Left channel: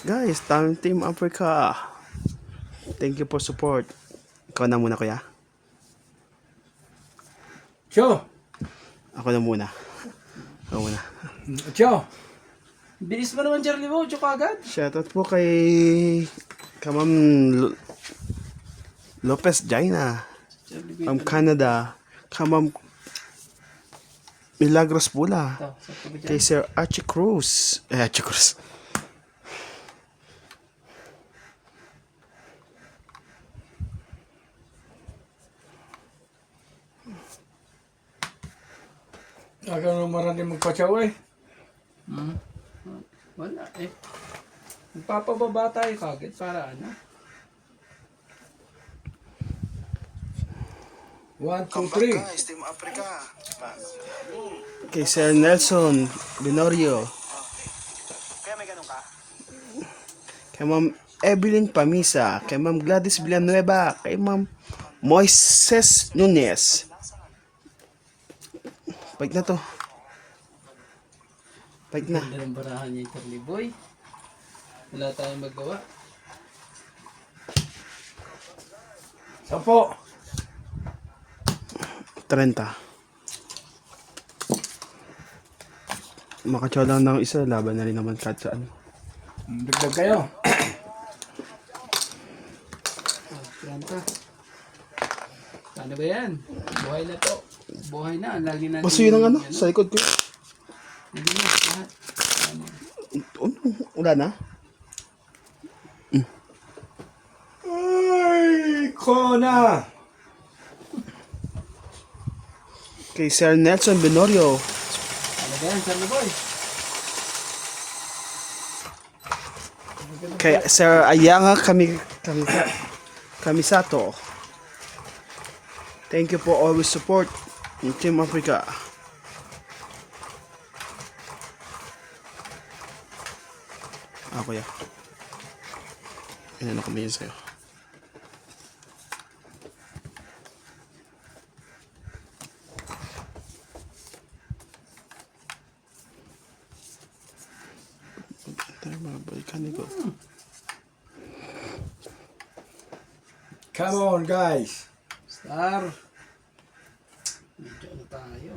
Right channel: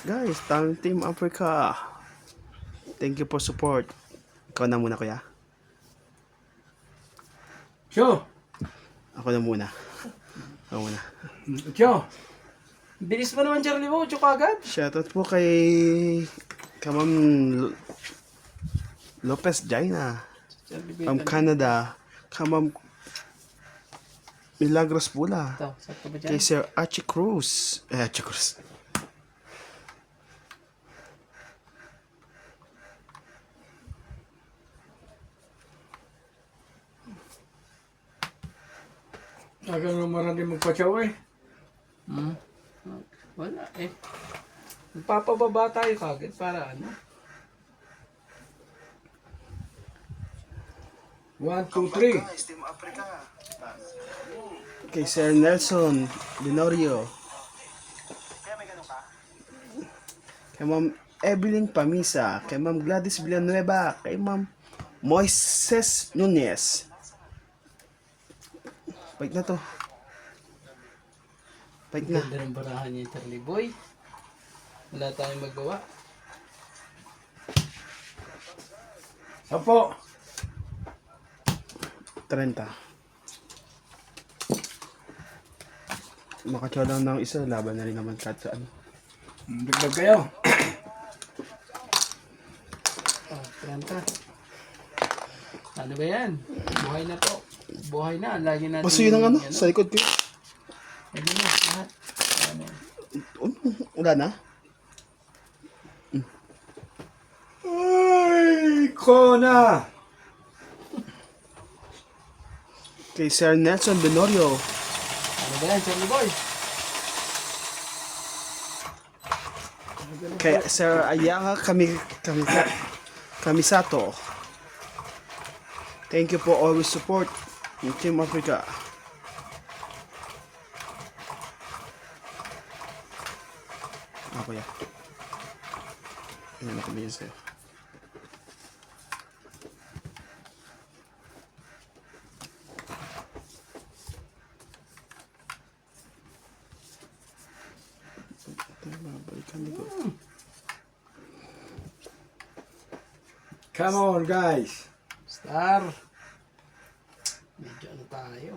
Guys, Team Africa. Thank you for support. Ikaw na muna, kuya. Cho! Ako na muna. Ako muna. Cho! Bilis mo naman, Charlie Bo. Cho kagad. Shoutout po kay Kamam Lopez Jaina from Canada. Kamam Milagros Pula. Ito, sakto ba dyan? Kay Sir Archie Cruz. Archie Cruz. Aga nung maraming magpatsaw eh. Wala eh. Magpapababa tayo kagad para ano? 1, 2, 3. Team Africa. Kay Sir Nelson Binorio. Kaya may ganun ka? Kay Ma'am Evelyn Pamisa. Kay Ma'am Gladys Villanueva. Kay Ma'am Moises Nunez. Bait na to. Bait na. Ganda ng barahan niya, Charlie Boy. Wala tayong magawa. 10. 30. Makatsaw lang ng isa, laban na rin naman kahit saan. Dagdag kayo. Planta. Ano ba yan? Buhay na to. Buhay na. Lagi natin. Basta yun ang ano, sa likod ko. Ano yun? Lahat. Ano? Wala na? Ay, Kona! Kay Sir Nelson Binorio. Ano ba yan, Charlie Boy? Kay Sir Ayanga Kamisato. Thank you for always support in Team Africa. Ako ya. Ano na kami sa'yo? Tayo mga balikan ni ko. Come on, guys. Star. Medyo ano tayo.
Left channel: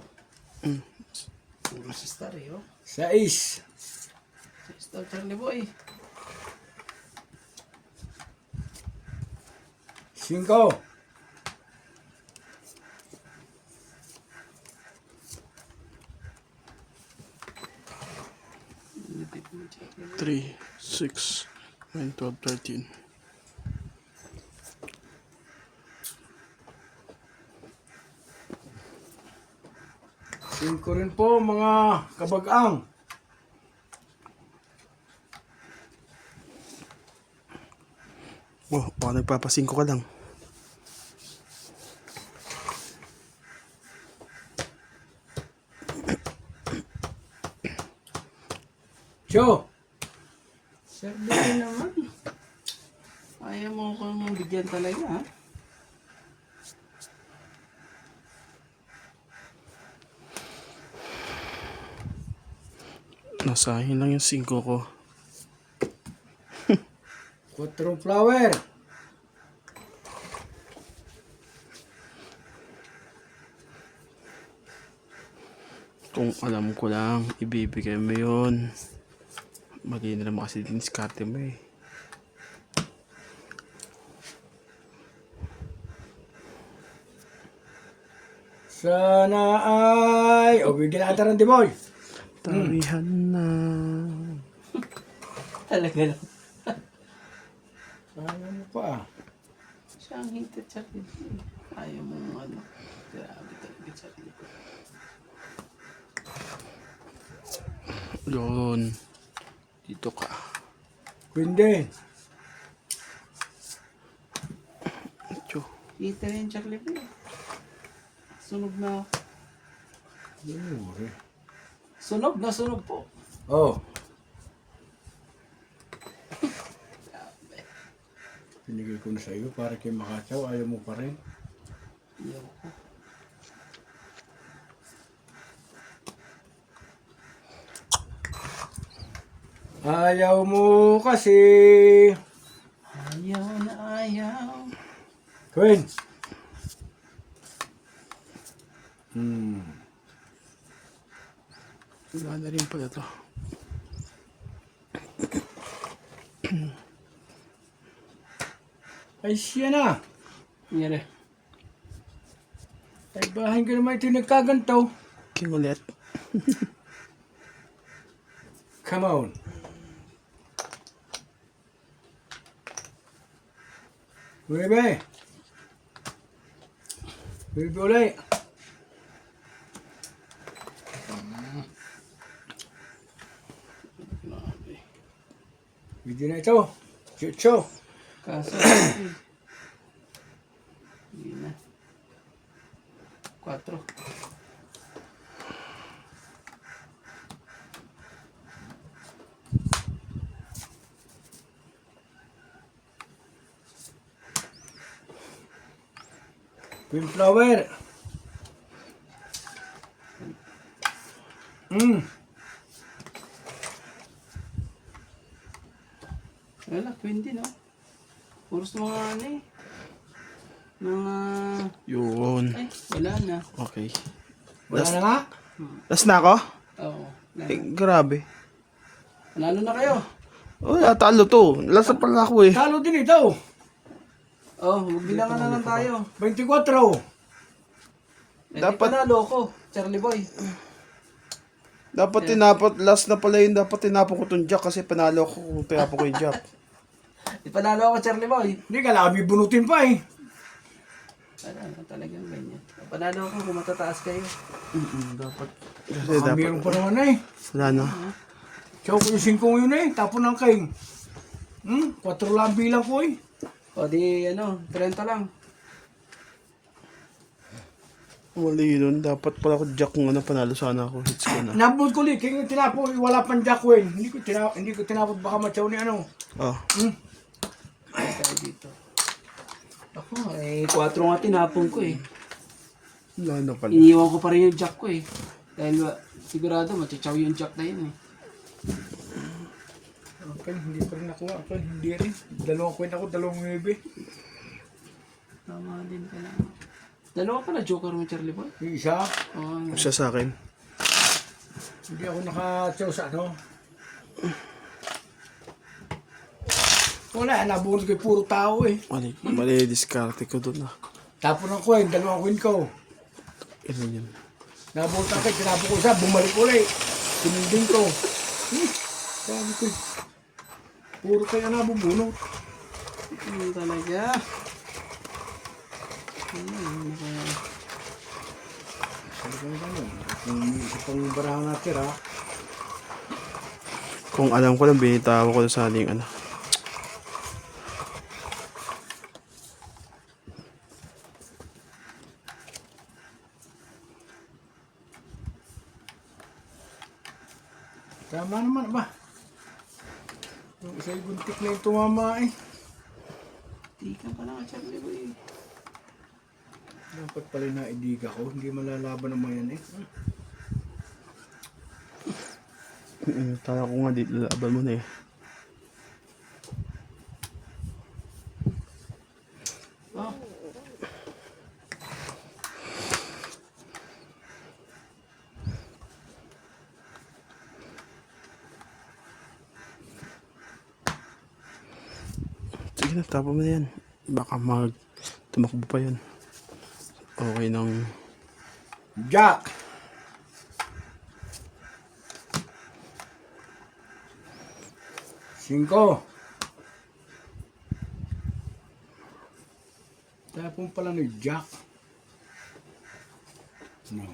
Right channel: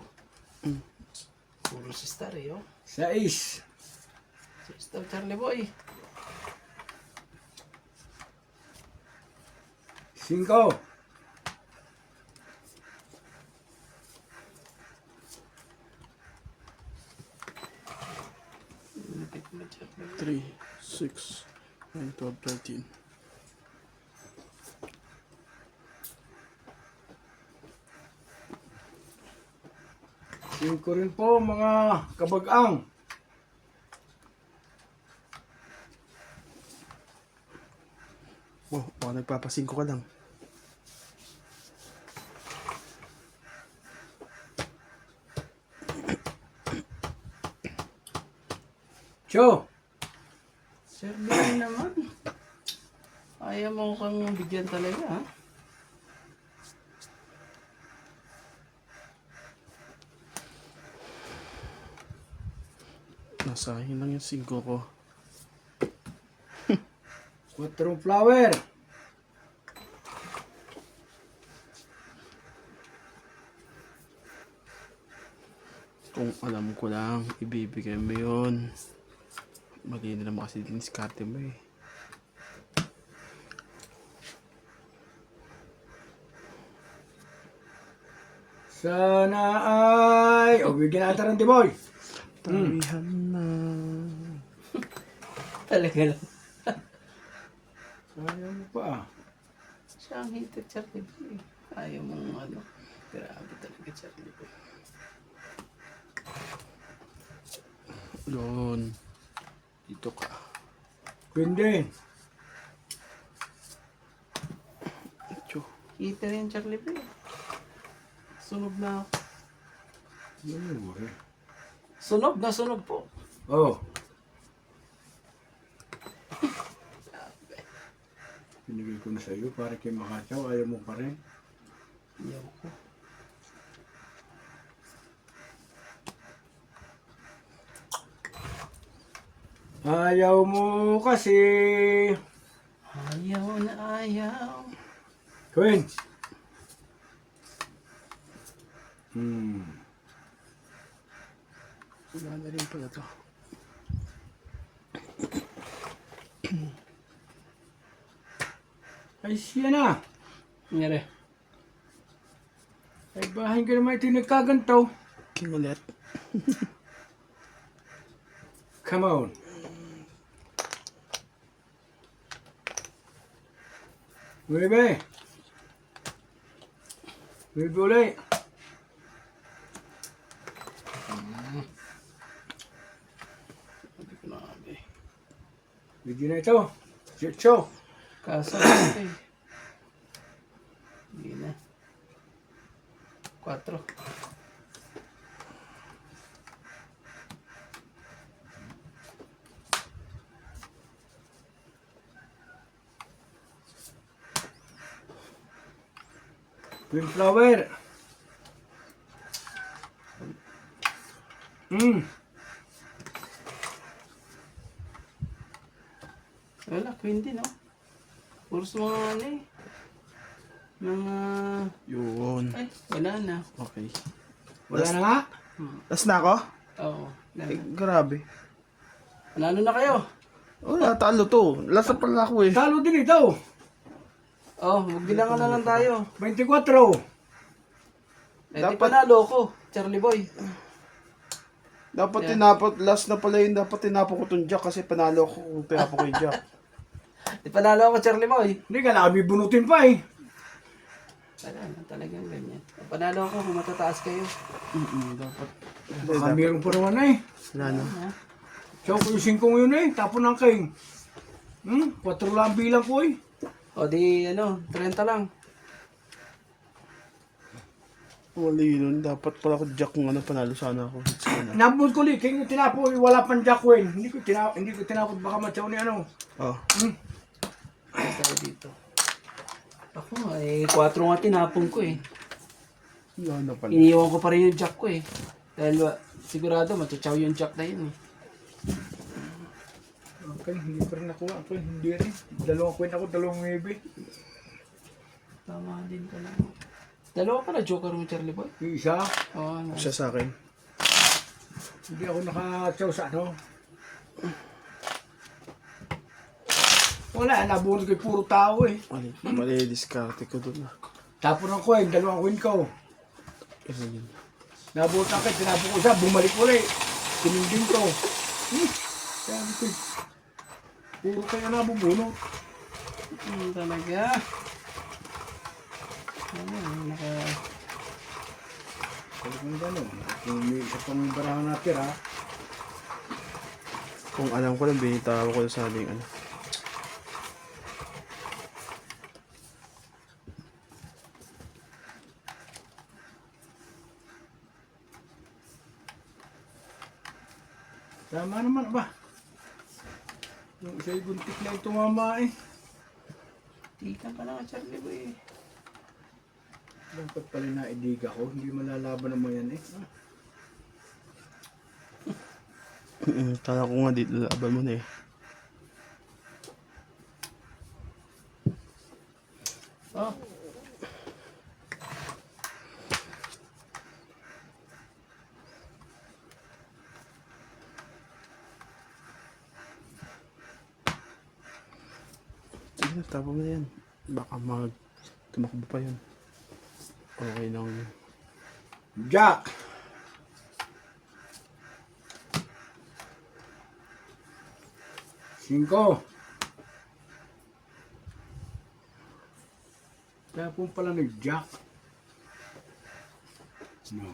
Puro si Star eh, oh. 6. Si Star, Charlie Boy. 5. 3, 6, 9, 12, 13. Ko rin po mga kabag-ang. Oh, baka nagpapasingko ka lang. Cho! Sabi naman. Ayaw mo kang bigyan talaga, ha? Nasahin lang yung 5 ko. 4 flower. Kung alam ko lang, ibibigay mo yun. Mali na naman kasi diniskarte mo eh. Sana ay... O, bigyan natin ng Timoy. Tarihan na. Talaga lang. Ayaw mo pa, ah. Siya ang hito, Charlie Boy. Ayaw mong ano. Grabe talaga, Charlie Boy. Yun. Dito ka. Queen. Ito. Hito yan, Charlie Boy. Sunog na. Sunog po. Oh. Pinigay ko na sa iyo para kay Makatsaw. Ayaw mo pa rin. Ayaw ko. Ayaw mo kasi. Ayaw na ayaw. Queen. Wala na rin pala to. Ay siya na. Nangyari. Ay bahay ka naman ito nagkagantaw. King ulit. Come on. Bebe. Bebe ulit. Video na ito. Chucho. Kaso, hindi na. 4. Green flower. Wala, queen din, no? Puros mga ano eh. Mga... Yun. Ay, wala na. Okay. Wala na nga. Last na ako? Oo. Wala Eh, na. grabe. Nanalo na kayo. Wala, talo to. Last na pala ako eh. Talo din ito. Oh, magbilangan na lang tayo. 24. Eh, Dapat- di panalo ko, Charlie Boy. Dapat tinapot, last na pala yun, dapat tinapon ko tong jack kasi panalo ko kung tinapon ko yung jack. Di panalo ako, Charlie Boy. Hindi ka labi bunutin pa eh. Wala na, talagang ganyan. Panalo ako kung matataas kayo. Dapat. Kasi Baka dapat, meron pa naman eh. wala na. So kung yung 5 yun eh, tapon ng king. 4 lang bilang ko eh. O di, 30 lang. Wala yun, dapat pala ko jack kung panalo sana ako. Hits ko na. Nabot ko li, king yung tinapo, wala pang Jacqueline. Hindi ko tinapot baka matyaw ni ano. Ah, Tayo dito. Ako, 4 nga tinapon ko eh. wala na pala. Iniwan ko pa rin yung jack ko eh. Dahil sigurado matchaw yung jack na yun eh. Okay, hindi ko rin nakuha. Okay, hindi rin. 2 queen ako, 2 maybe. Tama din ka lang. Dalawa pala joker mo, Charlie Boy. Yung isa, Oo, ano. Siya sa akin. hindi ako nakatyaw sa ano. Wala, nabunod ko puro tao eh. Mali diskarte ko doon. Tapon ng coin, 2 queen ko. Ano yun? Nabunod ako, tinapon ko siya, bumalik ulit. Tinindin ko. Sabi ko, puro kayo nabubunot. Talaga. Sabi ko gano'n, kung may isa pang barahan natin ha. Kung alam ko lang, binitawa ko sa aling ano. Tama naman ba? Yung isa'y buntik na yung tumama eh. Tika ka lang, Charlie Boy. Dapat pala naidiga ko, hindi malalaban naman yan eh. Kala ko nga dito, laban mo na eh. Oh. Sige na, tapon mo na yan. Baka tumakbo pa yun. Okay nang... Jack! Cinco. Tapon pala ng Jack. No,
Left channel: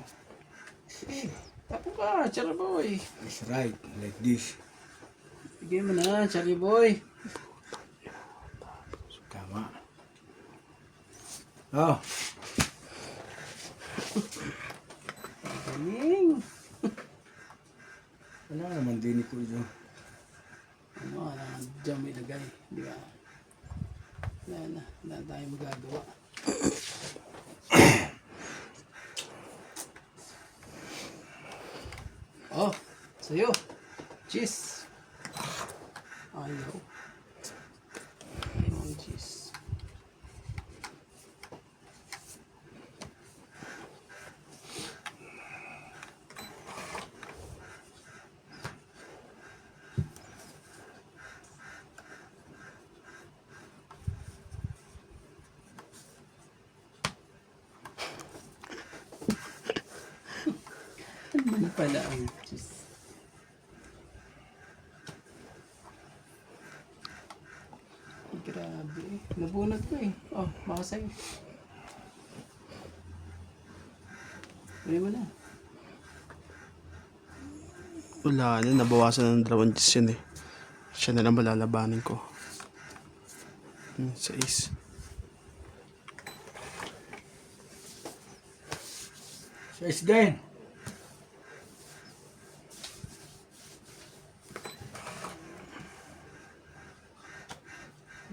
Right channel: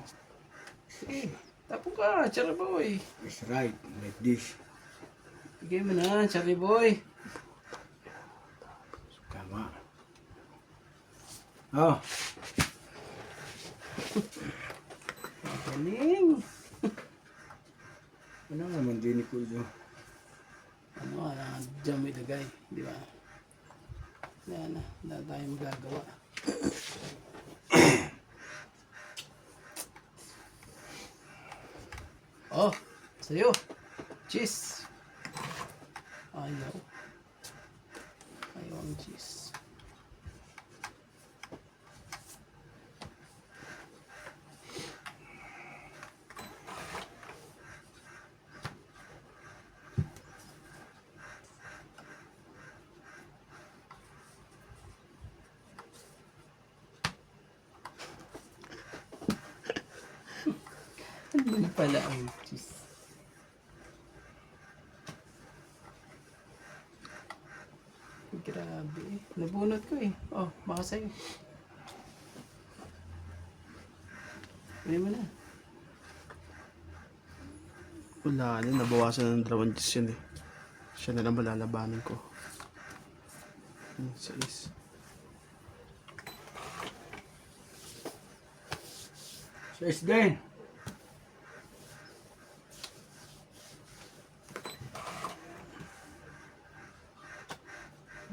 Tapo ka, Charlie Boy. it's right, like this. Bigay mo na, Charlie Boy. Tama. Oh, Galing. ano naman din ko ito. Ano, dyan mo ilagay, di ba? Wala tayong magagawa. Oh, sa'yo. Cheese. pala. Ay, Diyos. Grabe. Nabunot ko eh. Oh, baka sa'yo. Huli mo na. Wala na, nabawasan ng 2 Diyos yun eh. Siya na lang malalabanin ko. 6. Size din.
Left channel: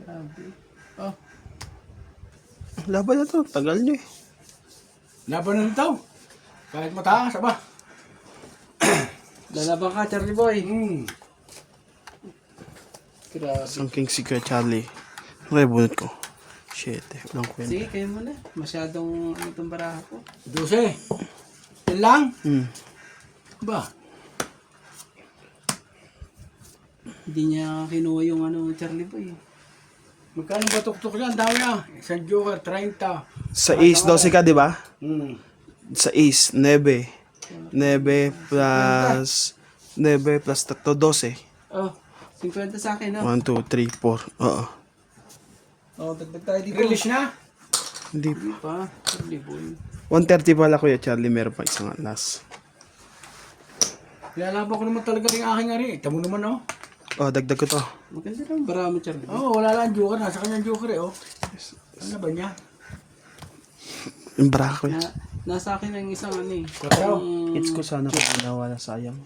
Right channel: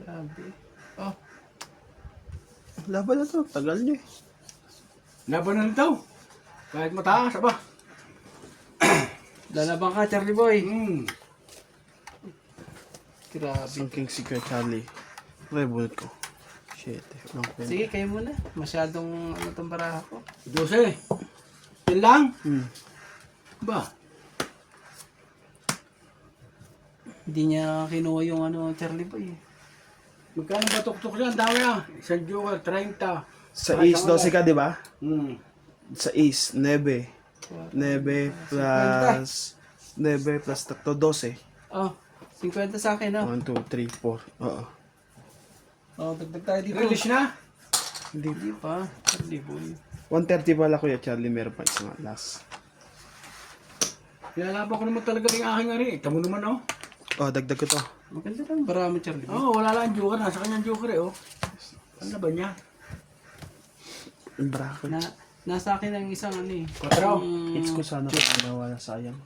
Grabe. Oh, Laban na to, tagal nyo eh. Laban na ito. Kahit mataas, aba. lalaban ka, Charlie Boy. Grabe. Isang King Secret Charlie. Okay, bunot ko. Shit eh, walang kwenta. Sige, kayo muna. Masyadong ano itong baraha ko. 12. Yan lang? Ba? Hindi niya kinuha yung ano, Charlie Boy. Magkano ba tuktok niyan? Dami ah. Isang joker, 30. Sa Ace, 12 ka, di ba? Hmm. Sa Ace, 9. 9 plus 9 plus 3, 12. Oh, 50 sa akin, 1, 2, 3, 4. Oo. Oh, dagdag tayo dito. Release na? Hindi. Hindi pa, Charlie Boy. 130 pala kuya Charlie, meron pa isang last. Lalaban ko naman talaga rin aking ari. Tamo naman oh. Oh, dagdag ko to. Maganda lang baraha mo, Charlie Boy. Oh, wala lang joker. Nasa kanyang joker eh oh. Ano ba niya? Yung bra ko. Nasa akin ang isang ano eh. Pero, Hits ko sana kung nawala, sayang.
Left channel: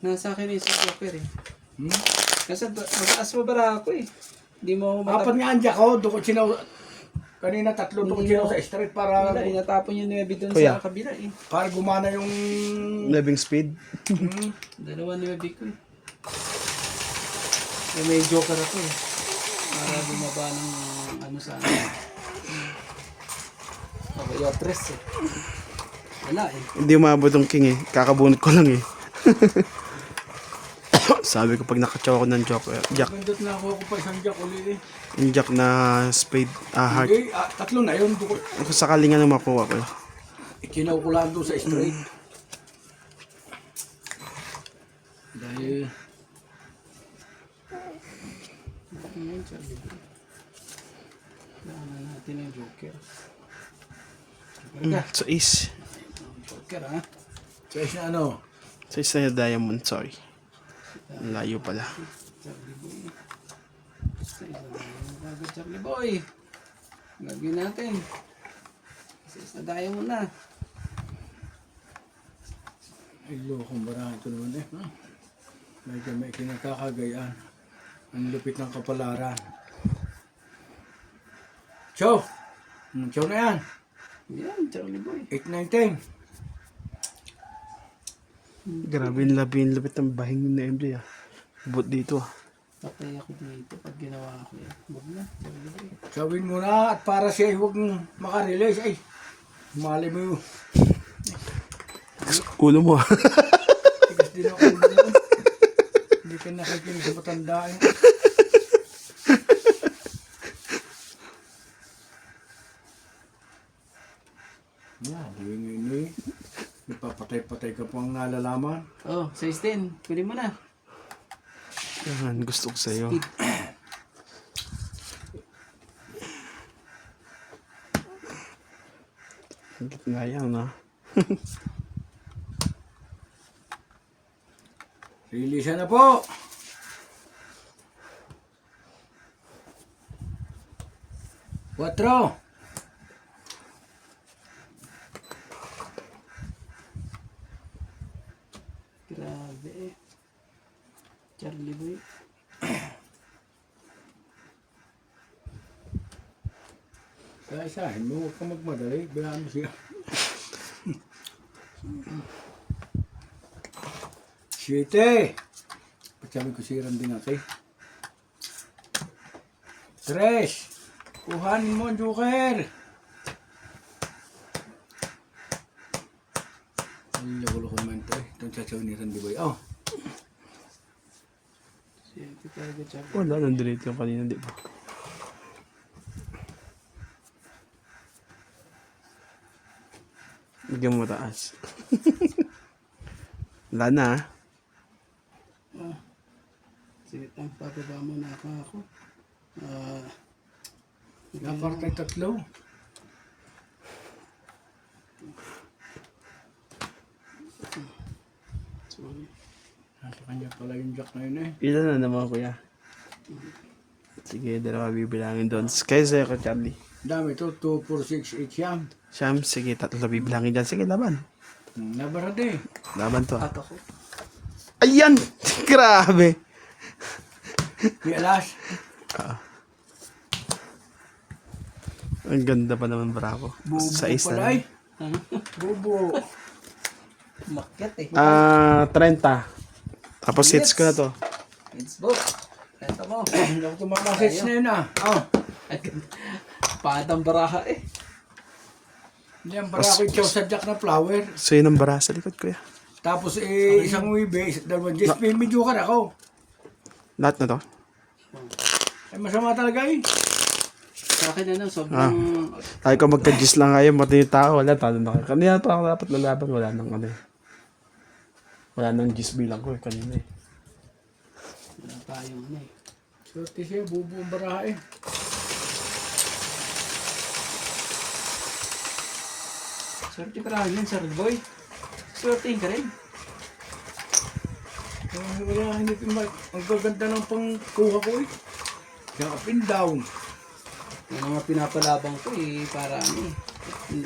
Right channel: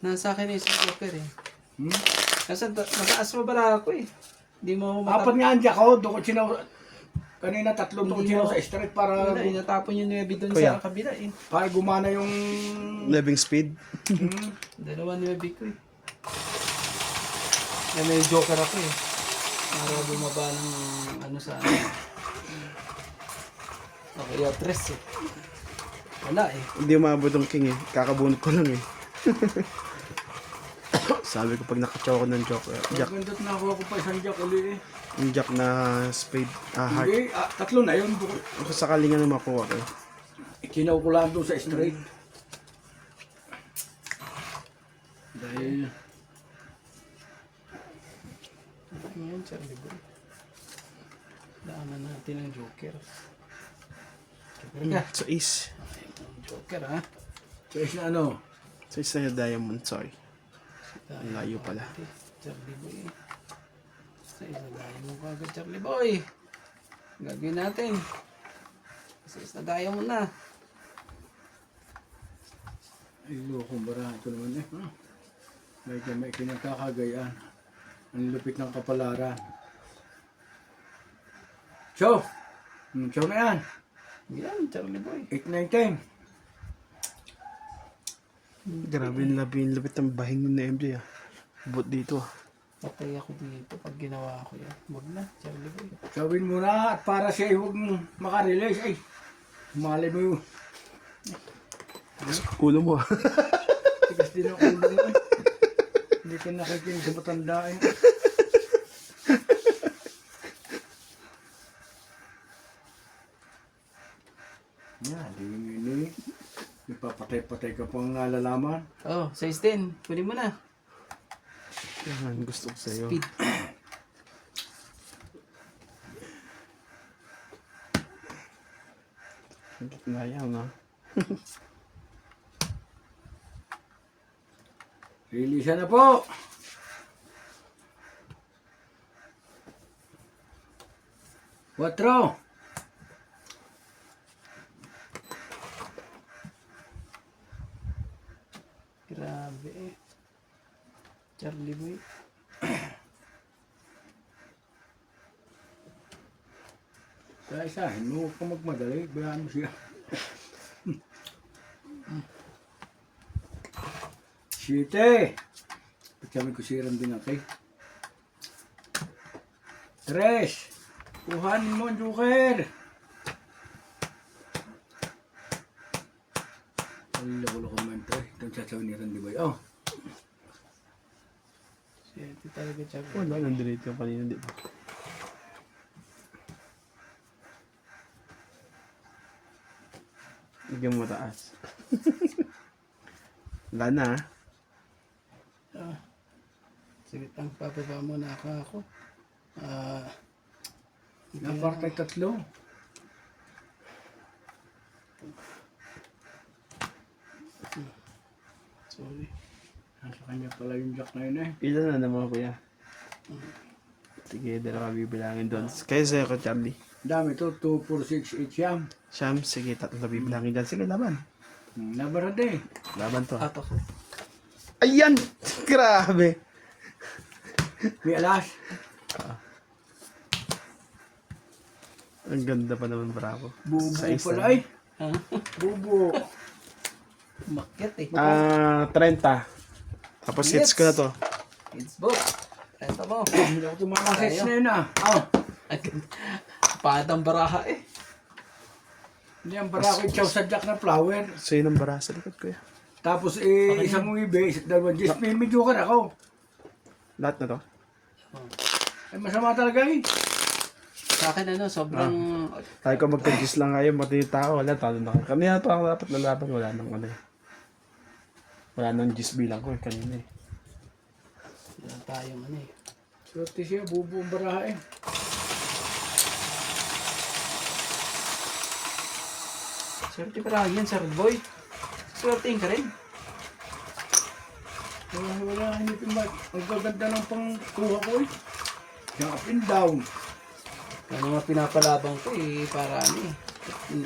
Nasa akin ang isang joker eh. hmm? Nasa mo baraha ko eh. Hindi mo Apat nga andya ko. Dukot sinaw. Kanina 3 dukot Hindi sinaw mo- sa straight para Wala, inatapon yung 9 doon Kuya. sa kabila eh. para gumana yung Living speed. hmm, Dalawa 9 ko eh. Eh, may joker ako eh. Para bumaba ng ano sa ano. Nakaya tres eh. Wala eh. Hindi umabot ng king eh. Kakabunot ko lang eh. Sabi ko pag nakachaw ako ng jack, nandot na ako pa isang jack uli eh. yung jack na spade, heart. Hindi, 3 na yun. Dukot. Kung sakali nga na makuha ko. Ikinaw ko lang doon sa straight. Dahil Ngayon, Charlie Boy. Kailangan natin ng joker. Sa Ace. Joker ha? sa isa ano, Sa Ace na diamond, sorry. Ang layo pala. Charlie Boy. Sa isa mo kagad, Charlie Boy. Gagawin natin. Sa isa mo na. ay lokong barahan ko naman eh. Medyo may kinakakagayaan. Ang lupit ng kapalaran. Chow! Chow na yan. Yan, Charlie Boy. 8-9-10. Grabe yung lupit ng bahin yun na MJ ah. Bot dito ah. Patay ako dito pag ginawa ko yan. Wag na, Charlie Boy. Gawin mo na at para siya ay huwag makarelease. Ay, mali mo yun. Ulo mo ah. Tigas din ako doon. Hindi ka nakikinig sa matanda eh. Yan, ini. Nagpapatay-patay ka pang lalaman. Oh, 16. Kunin mo na. Yan, gusto ko sa'yo. Speed. Higit nga yan ah. Release na po. Quatro. Grabe eh. Charlie Boy. Isa-isahin mo, huwag kang magmadali. Bayaan mo siya. Siyete. Pagsabi ko siram din natin. 3. Kuhanin mo ang joker. Ay, lako-lako man ito eh. Itong sasaw ni Randy Boy. Oh, Ito talaga, Charlie. Wala, nandito lang kanina, di ba? Bigyan mo taas. Wala na ah. Sige, ang papaba mo na ako. Napartay tatlo. Sorry. Nasa kanya pala yung jack na yun eh. Ilan na naman kuya? Sige, dalawa bibilangin doon. Kayo sa'yo ko, Charlie. Dami to, 2, 4, 6, 8 siyam. Sam, sige, tatlo bibilangin dyan. Sige, laban. Nabarade. Laban to. Ato ko. Ayan! Grabe! May alas. Ang ganda pa naman, bravo. Bubo Sa isa. pala eh. Bubo. Makyat eh. 30. Tapos hits ko na to. It's book. Ito mo. Hindi ako tumakasits na yun ah. Oh. Padang baraha eh. Hindi, ang para ako ikaw sa jack na flower. So yun ang bara sa likod kuya. Tapos isang uwibe, dalawang just may medyo ka na ako. Lahat na to. Ay masama talaga eh. Sa akin ano, sobrang... Tayo ko magka-gis lang kayo, mati yung tao, wala, talo na kayo. Kanina pa ako dapat lalaban, wala nang ano. Wala nang gis bilang ko kanina eh. Wala tayong ano eh. Swerte siya, bubo ang baraha eh. Swerte pa rin yan, Sir Boy. Swerte ka rin. Wala, hindi ko ang gaganda ng pangkuha ko eh. Yung up and down. Yung mga pinapalabang ko eh, para ano eh.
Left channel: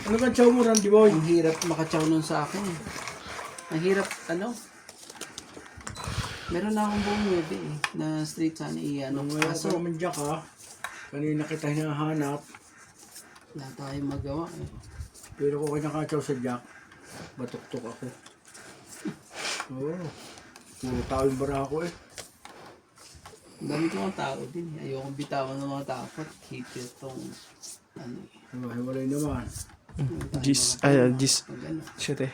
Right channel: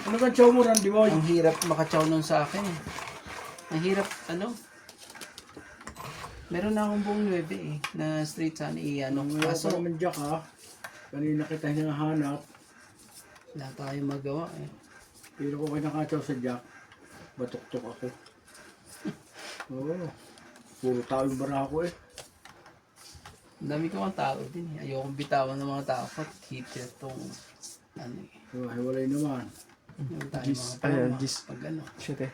Ano ka chow mo, Randy Boy? Ang hirap makachaw nun sa akin. Ang hirap, ano? Meron na akong buong web eh, na straight sana i-ano. Wala Kaso, ka naman jack ha. Kanina kita hinahanap. wala tayong magawa eh. Pero kung nakakaw sa jack, batok-tok ako. Oo. Puro tao yung baraha ko eh. Ang dami ko mga tao din eh. Ayokong bitawan ng mga tao at keep itong ano eh. So, hiwalay naman. Yung tayo Gis, mga tao, gis. pag ano, Shit eh.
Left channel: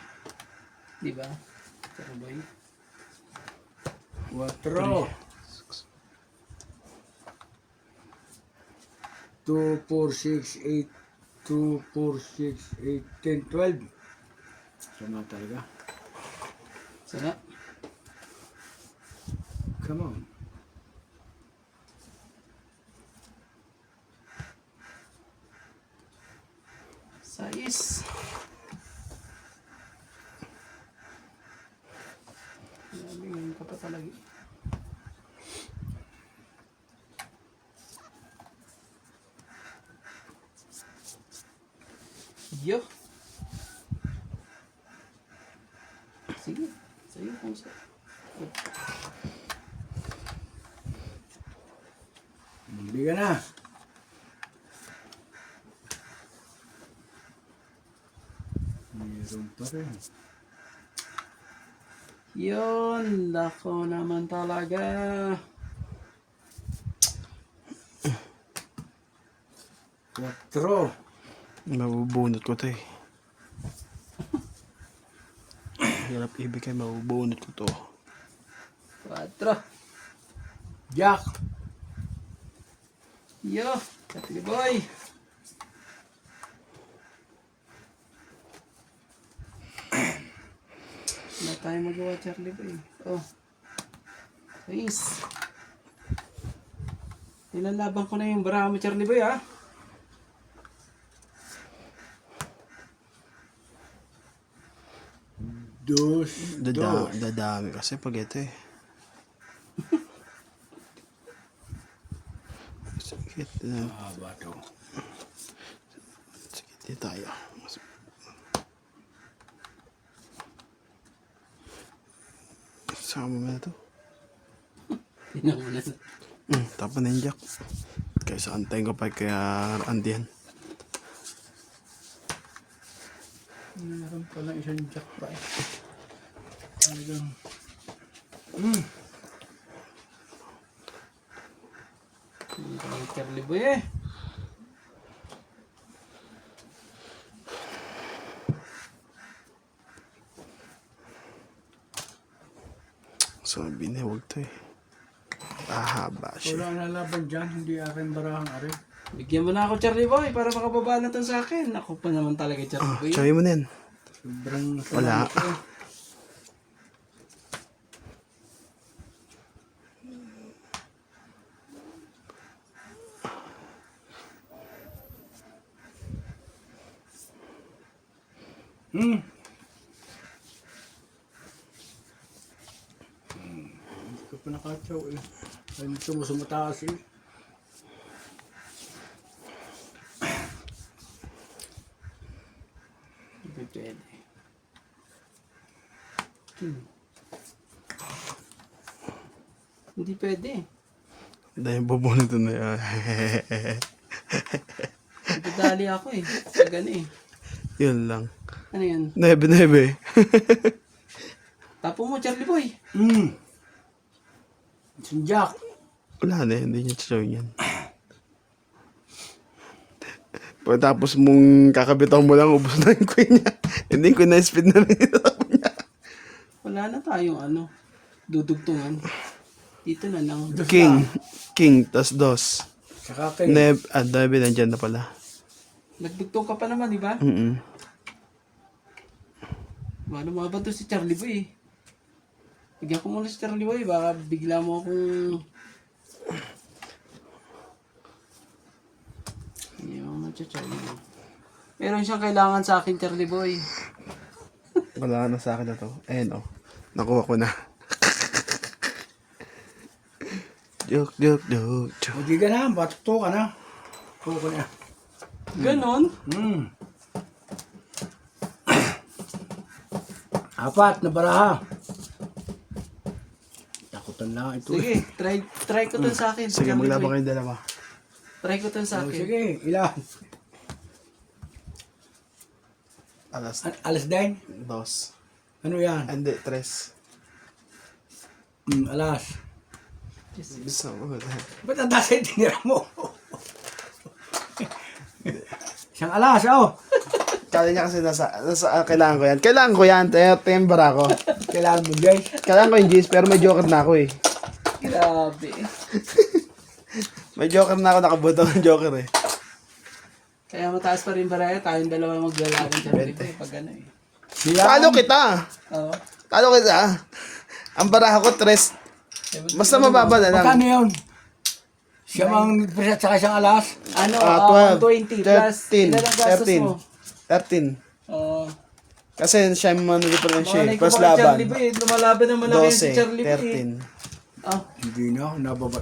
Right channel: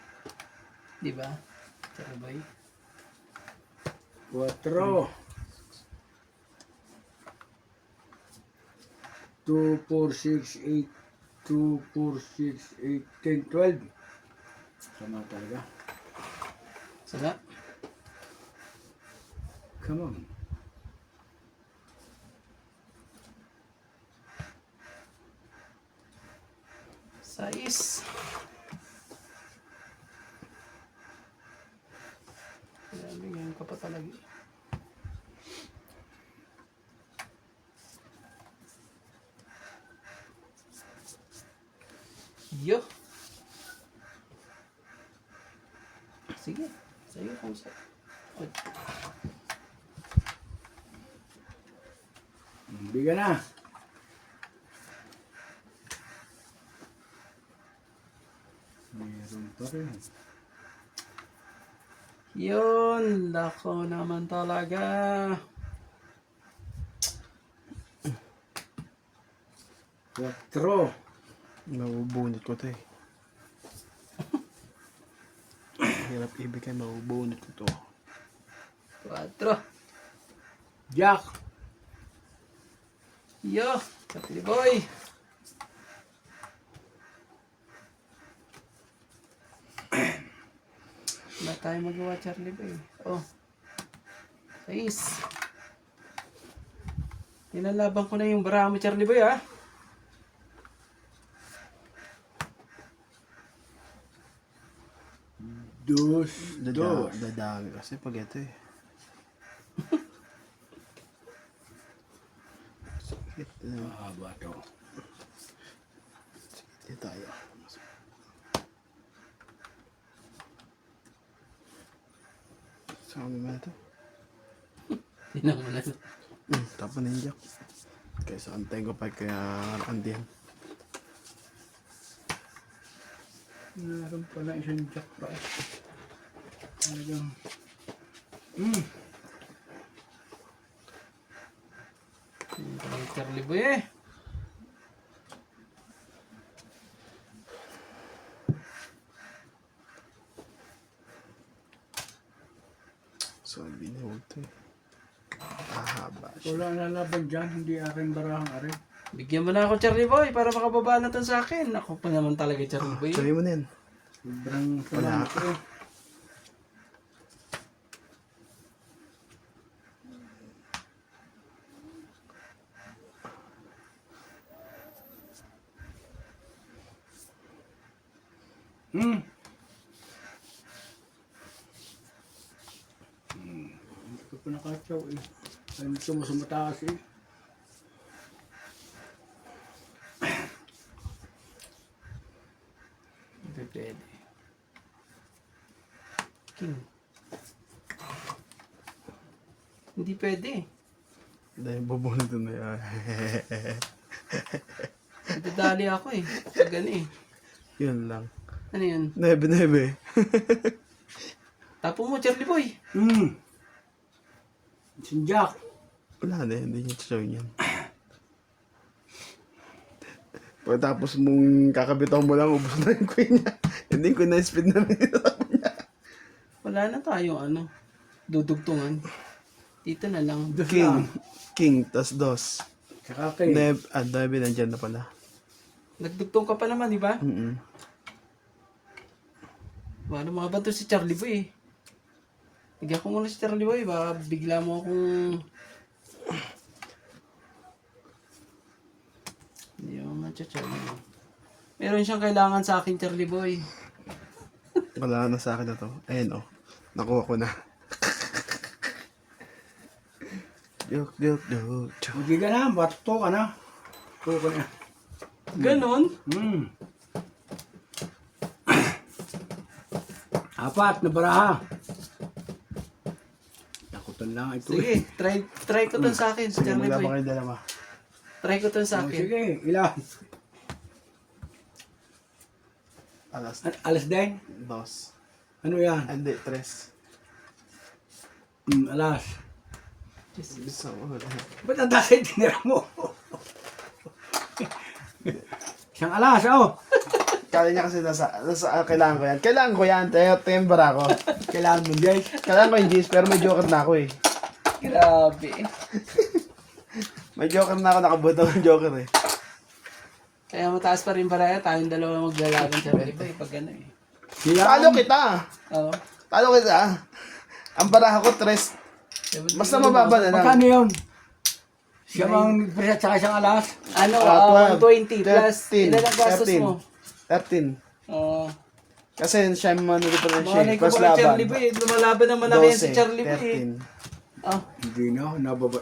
di ba? Sir Boy. 4. 2, 4, 6, 8. 2, 4, 6, 8, 10, 12. Sama talaga. Sana. Come on. Sais. Grabe ngayon pa talaga eh. Yo. Sige. Sa'yo kung sa... Hindi ka na. Meron pa rin. Yun. Lako naman talaga. Quattro. Mabubunot ko to eh. Hirap ibig kayo, mabubunot ko to. 4. Jack. Yo. Katili boy. Wala tayo magawa, Charlie boy. Oh. Nice. Nilalaban ko na yung baraha mo, Charlie boy, ha? Dos. Dadami kasi pag ito eh. Sakit na. Haba to. Sakit din tayo. Sama mo na to. Tingnan mo na. Tapos na yung jack. Kaysa antayin ko pa kaya andihan. Meron pala isang jack pa eh. Talagang. Yung Charlie boy, eh. Sabi na huwag to eh. Ahaba siya. Wala na laban dyan. Hindi aking barahang arin. Bigyan mo na ako, Charlie boy, para makababa na to sa akin. Ako pa naman talaga, Charlie boy. Try mo na yan. Sobrang Wala. salamat eh. Hmm. Hindi ko pa nakatsaw eh. Hindi mo sa mataas eh. Hindi pwede. King. Hindi pwede. Dahil bubunot na yan. Nagdadali ako eh. Sa gani eh. Yun lang. Ano yun? Nebe. Tapo mo, Charlie Boy. Sinjak. Wala na, hindi niya show yan. Pagkatapos mong kakabitaw mo lang, ubos na yung queen niya. Hindi ko na-speed na niya. Wala na tayong ano. Dudugtungan. Dito na lang. King, tas dos. Saka kay. Nebe, nandyan na pala. Nagdugtong ka pa naman, di ba? Ano mga ba to si Charlie Boy eh. Bigyan ko muna si Charlie Boy. Baka bigla mo akong... Hindi ako matcha-Charlie Boy. Meron siyang kailangan sa akin, Charlie Boy. Wala na sa akin na to. Ayan, oh. Nakuha ko na. Joke. Hindi ka na. Bato ka na. Tuko ko na. Ganon? Apat na baraha. Takutan lang ito. Sige, try ko to sa akin. Sige, Charlie maglabang Boy. kayo dalawa. Try ko to sa Oh, akin. sige, ilan? Alas 10? Dos. Ano yan? Hindi, tres. Alas. Bisa mo. Ba't ang dasa yung tinira mo? Isang alas, oh. Kaya niya kasi kailangan ko yan. Kailangan ko yan. Tembara ko. Kailangan mo, guys. Kailangan ko yung G's, pero may joker na ako eh. Grabe. May joker na ako, nakabuto ng joker eh. Kaya mataas pa rin baraya. Tayong dalawa maglalaban, Charlie Boy. Pag ano eh. Talo kita! Oo. Talo kita! Ang baraha ko, tres. Basta mababa na lang. Magkano yun? Siya mang nagpresat sa isang alas? Ano, 12, 120 plus 13, ilan ang gastos mo? 13. Oo. Kasi siya yung manulito ng siya. Malay ko Plus baka laban. Charlie Boy. Lumalaban ng malaki yan si 12, Charlie Boy. 13. Ah, Hindi na,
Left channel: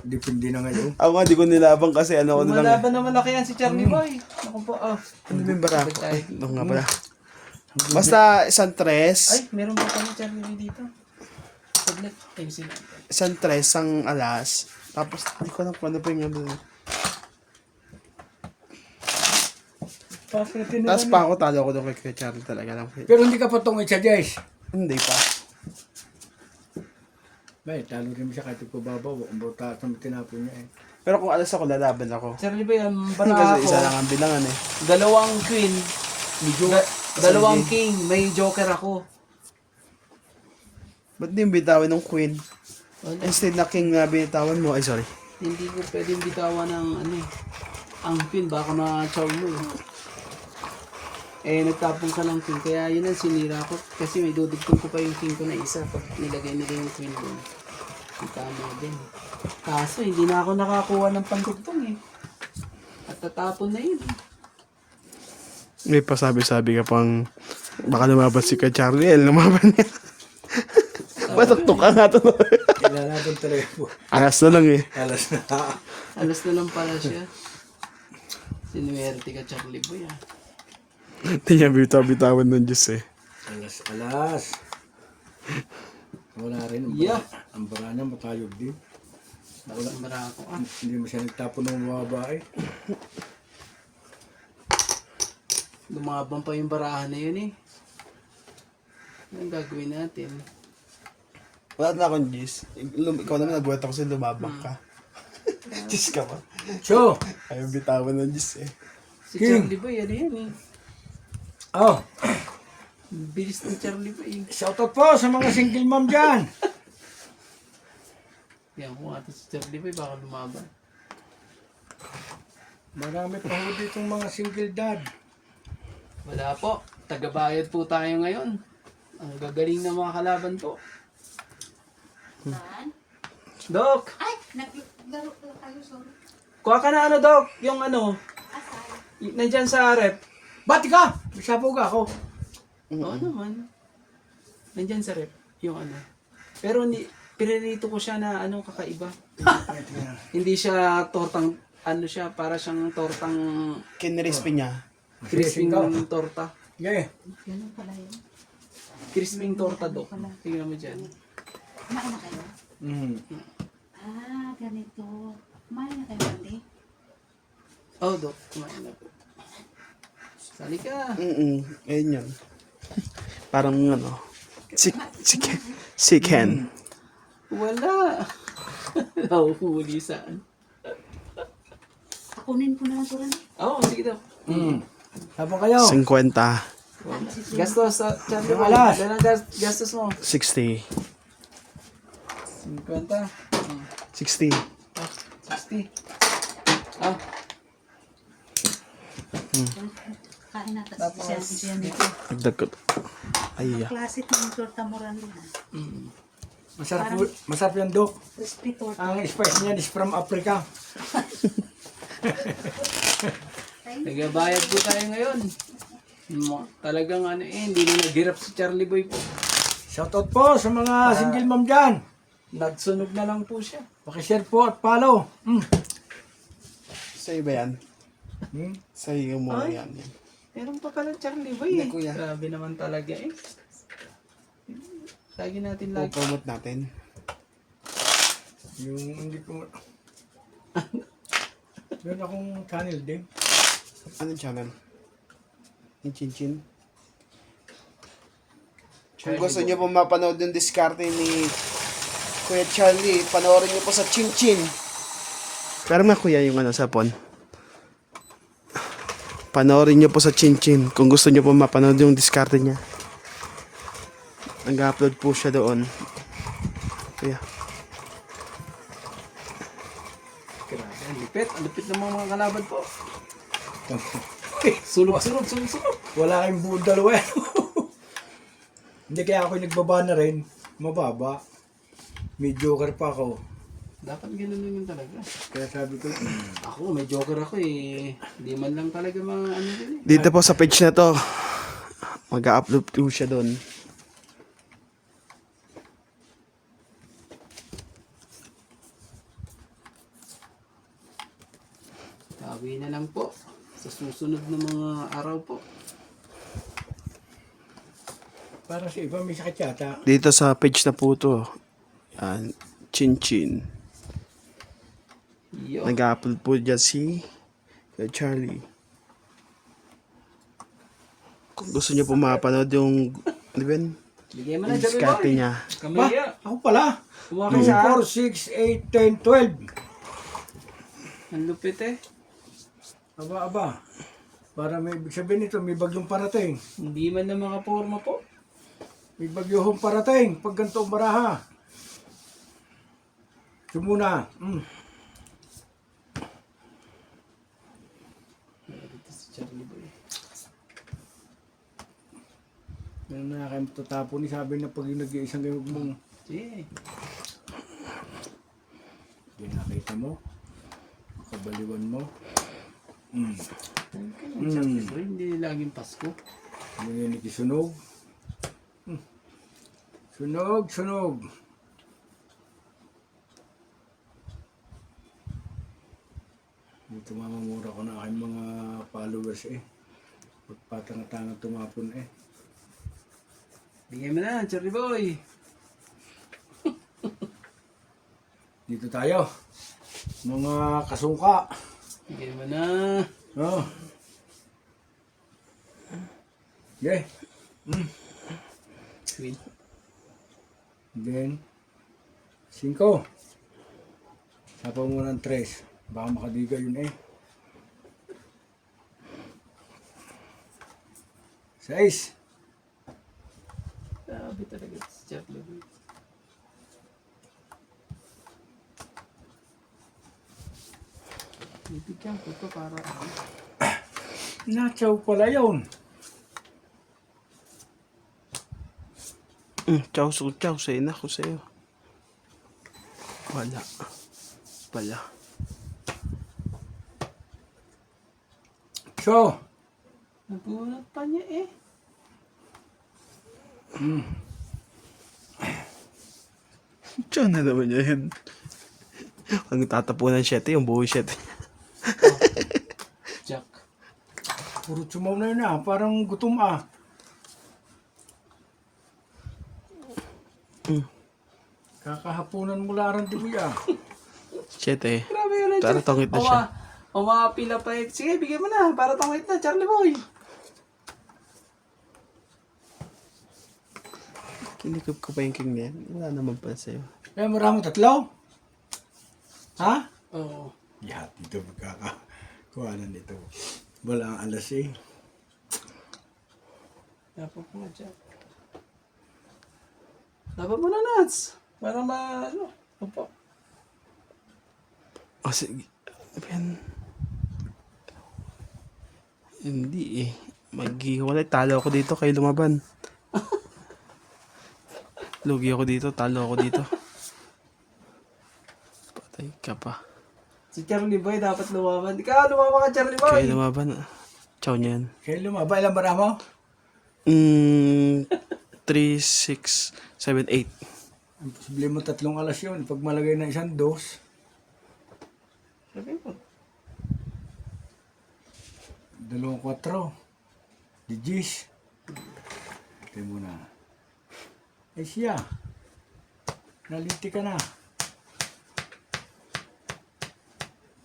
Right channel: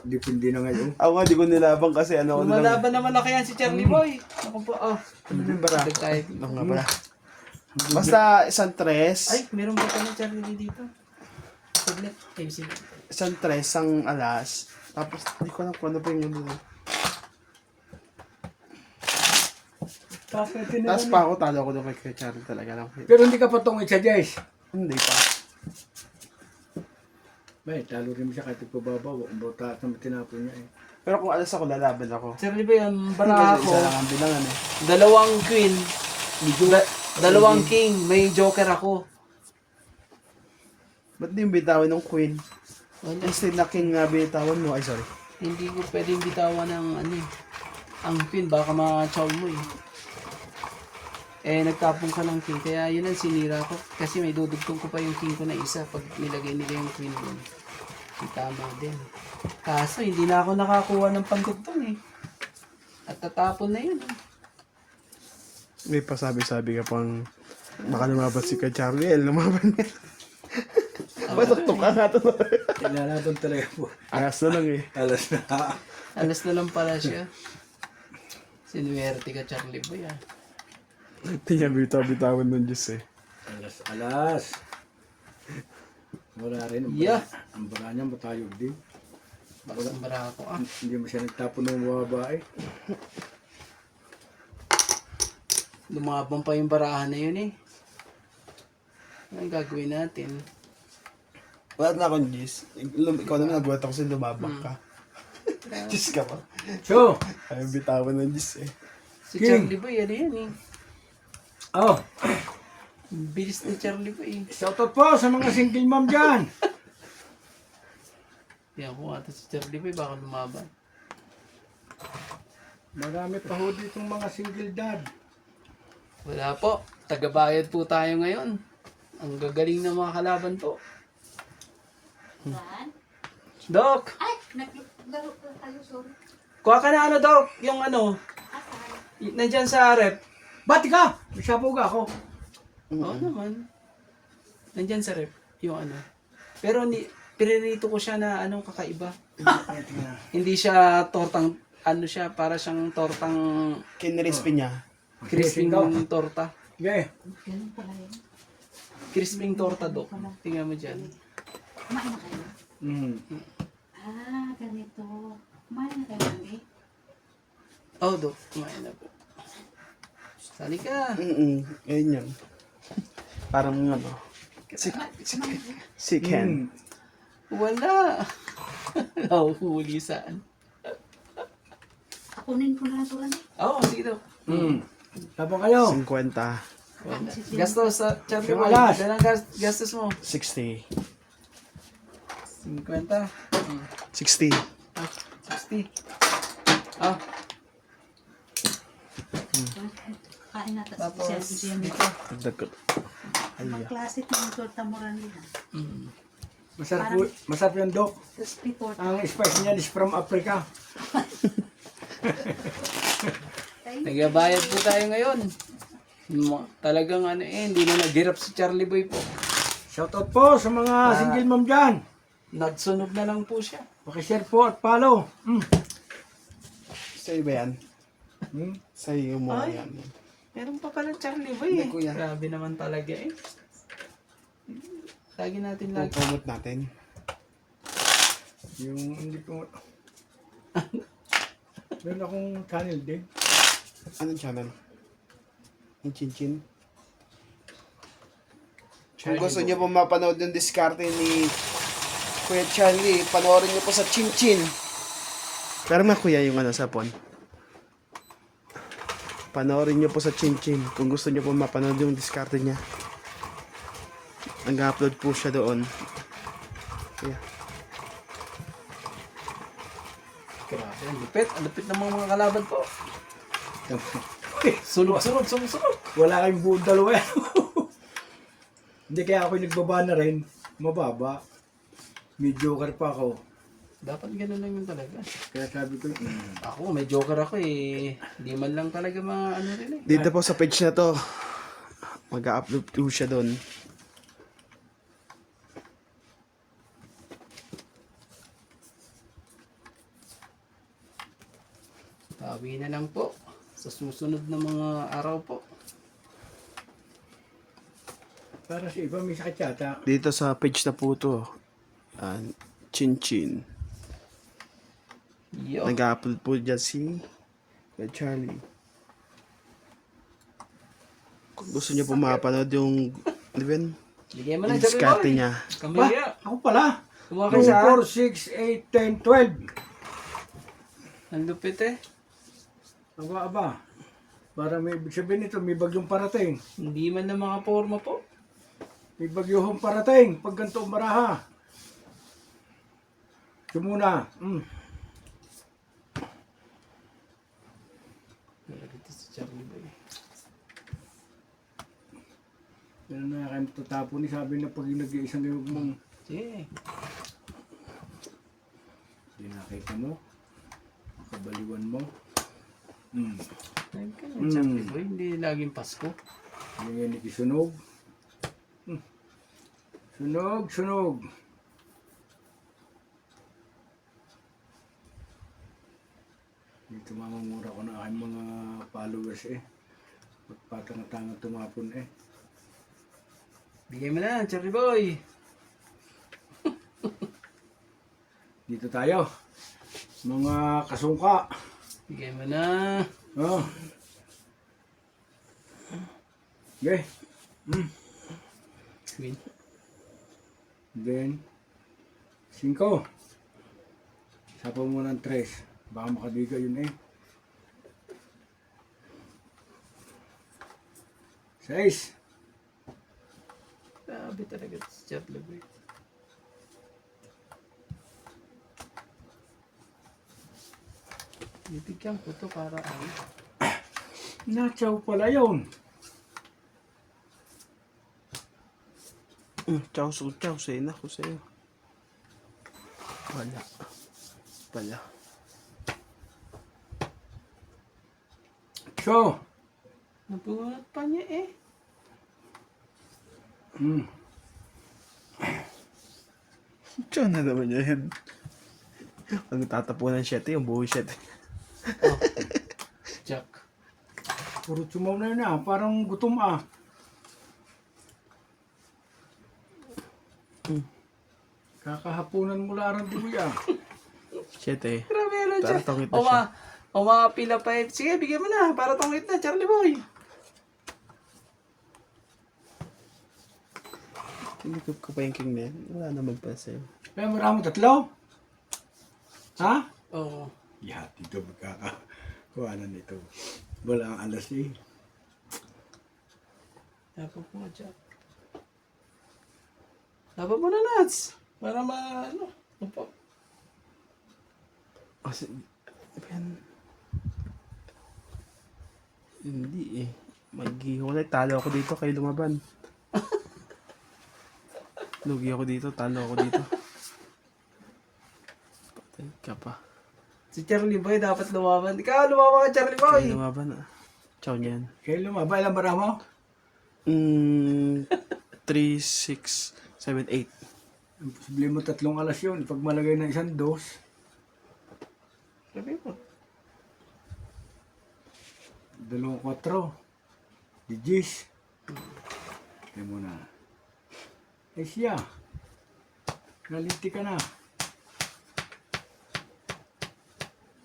depende na ngayon. Ako nga, di ko nilabang kasi ano ko na lang. lumalaban ng malaki yan si Charlie Boy. Ako po, Ano ba yung bara? Dagdag tayo. Ano nga pala? Basta isang tres. Ay, meron pa pala Charlie Boy dito. Saglit. Ayun sila. Isang tres, ang alas. Tapos, hindi ko alam kung ano pa yung ano. Tapos pa ako, talo ako doon kay Charlie talaga lang. Pero hindi ka patungit sa Jais. Hindi pa. Bay, talo rin siya kahit ipababaw. Ang bauta sa tinapon niya eh. Pero kung alas ako, lalaban ako. Charlie Boy, ang baraha Kasi ko, isa lang ang bilangan eh. dalawang queen, dalawang king, may joker ako. Ba't di yung bitawin ng queen? Wala. Instead na king nga binitawan mo. Ay, sorry. Hindi ko pwedeng bitawan ng ano eh. Ang queen, baka ma-chow mo eh. Eh, nagtapon ka ng king, kaya yun ang sinira ko. Kasi may dudugtong ko pa yung king ko na isa pag nilagay nila yung queen doon. Ang tama din. Kaso, hindi na ako nakakuha ng pandugtong eh. At tatapon na yun. May pasabi-sabi ka pang baka lumaban si ka Charlie. Lumaban niya. Matuktok ka nga to. Kailangan natin talaga po. Alas na lang eh. Alas na. Alas na lang pala siya. Sinuwerte ka, Charlie Boy ah. Hindi niya bitaw-bitawan ng Diyos eh. Alas. Wala rin. Yeah. Ang bara niya matayog din. Wala ang bara ko ah. Hindi mo siya nagtapon ng babae. Lumabang pa yung barahan na yun eh. Anong gagawin natin? Wala na akong Diyos. Ikaw naman nagulat ako sa lumabang ka. Diyos ka pa. So, Ayaw bitawan ng Diyos eh. Si King. Charlie Boy, ano yan eh. oh, Bilis ni Charlie Boy. shoutout po sa mga single mom dyan. Yan ko ata si Charlie Boy, baka lumaban. Marami pa ho ditong mga single dad. Wala po. Tagabayad po tayo ngayon. Ang gagaling na mga kalaban po. Saan? Dok, Ay, naglaro kayo, sorry. kuha ka na ano, Dok? Yung ano, Asan? nandyan sa rep. Bati ka! Isapog ako. Oo naman. Nandyan sa rep. Yung ano. Pero piririto ko siya na anong kakaiba. Hindi siya tortang, ano siya, para siyang tortang Kinrispy niya. crisping Ikaw. torta. Okay. Ganun pala yun. Crisping torta, Dok. Tingnan mo dyan. Kumain na kayo? Ah, ganito. Kumain na kayo, Mandy? Oh, Dok. Kumain na po. Sali ka. Ayun yan. Parang ano. Chicken. Wala. Nahuhuli saan? Akunin ko na lang ito, Randy. Oo, sige, Dok. Sabang kayo. 50. Gastos sa chat Yung mo. alas. Ganang gastos mo. 60. 50. 60. 60. Ah, Kain natin. Tapos- Siya dito. Dagdag ko. Ay, Ang klase ng torta mo, Randy, ha? Masarap yung dok. Crispy torta. Ang spice niyan is from Africa. nagbabayad po tayo ngayon. Talagang ano hindi na naghirap si Charlie Boy po. Shoutout po sa mga single mom dyan. Nagsunog na lang po siya. Pakishare po at follow. sa'yo ba yan? Sa'yo mo Ay. yan. Meron pa pala Charlie Boy. Hindi, kuya. Grabe naman talaga eh. Lagi natin lagi. Promote natin. Yung hindi ko... Meron akong channel din. Anong channel? Yung Chinchin? Kung gusto niyo po mapanood yung diskarte ni Kuya Charlie, panoorin niyo po sa Chinchin. Pero na kuya yung ano sa phone. Panoorin niyo po sa Chinchin kung gusto niyo po mapanood yung diskarte niya. Nag-upload po siya doon. Kuya. Grabe, ang lupit. Ang lupit ng mga kalaban po. Sulog-sulog. Wala kayong buong dalawa yan. Hindi kaya ako nagbaba na rin. Mababa. May joker pa ako. Dapat ganun naman talaga. Kaya sabi ko, Ako, may joker ako eh. Hindi man lang talaga ano rin eh. Dito po sa page na to, mag-upload po siya doon. Tawi na lang po. Sa susunod na mga araw po. para sa iba may sakit yata. Dito sa page na po to, Chinchin. Yo. Nag-upload po dyan si Kuya Charlie. Kung gusto niyo po mapanood yung, ano ba yun? Bigyan mo na Yung Joey diskarte Boy. niya. Kamaya. Ako pala. Kumuha kayo sa 2, 4, 6, 8, 10, 12. Ang lupit eh. Aba. Para may ibig sabihin nito, may bagyong parating. Hindi man na mga forma po. May bagyong parating. Pag ganito ang baraha. Ito muna. Ito si Charlie Boy. Ano na kayo tatapon ni sabi na pag yung nag-iisang gawag mong Sige. hindi nakita mo. Kabaliwan mo. Charlie Boy, hindi laging Pasko. Ano yan ikisunog. Sunog. Dito mamamura ko na aking mga followers eh. Patang-tangang tumapon eh. Bigyan mo na, Charlie Boy. Dito tayo. Mga kasungka. Bigyan mo na. Oh. Okay. Win. Then, 5. Sapa mo ng 3. Baka makadiga yun eh. 6. Grabe talaga si Charlie Boy. Bibigyan ko to para ano. Nachaw pala yun. Chow su chow. Sa'yo na ako sa'yo. Wala. Pala. So, Nabunot pa niya eh. Chow na naman yan. Ang tatapunan 7, yung buhay 7. Jack. puro tsumaw na yun ah. Parang gutom ah. Kakahapunan mo larang dibi ah. 7. Grabe na Tara, Jack. tongit na siya. O mga pila pa eh. Sige, bigyan mo na. Para tongit na, Charlie Boy. Kinikip ko pa yung king na yan. Wala naman pala sa'yo. Kaya maraming tatlo? Ha? Oo. Yeah, dito magkakakuhanan nito. Wala ang alas eh. Dapat mo, Jack. Dapat mo na, Nats. Para ano. Opo. O sige. Yan. Hindi eh. Maghiwalay. Talo ako dito. Kayo lumaban. Lugi ako dito. Talo ako dito. Patay ka pa. Si Charlie Boy dapat lumaban. Ikaw, lumaban ka, Charlie Boy. Kayo lumaban. Chow niyan. Kaya lumaba, ilang bara mo? 3, 6, 7, 8. Ang posible mo 3 alas yun. Pag malagay ng isang dos, Sabi mo. 2, 4. Digis. Kaya mo na. Eh siya. Naliti ka na.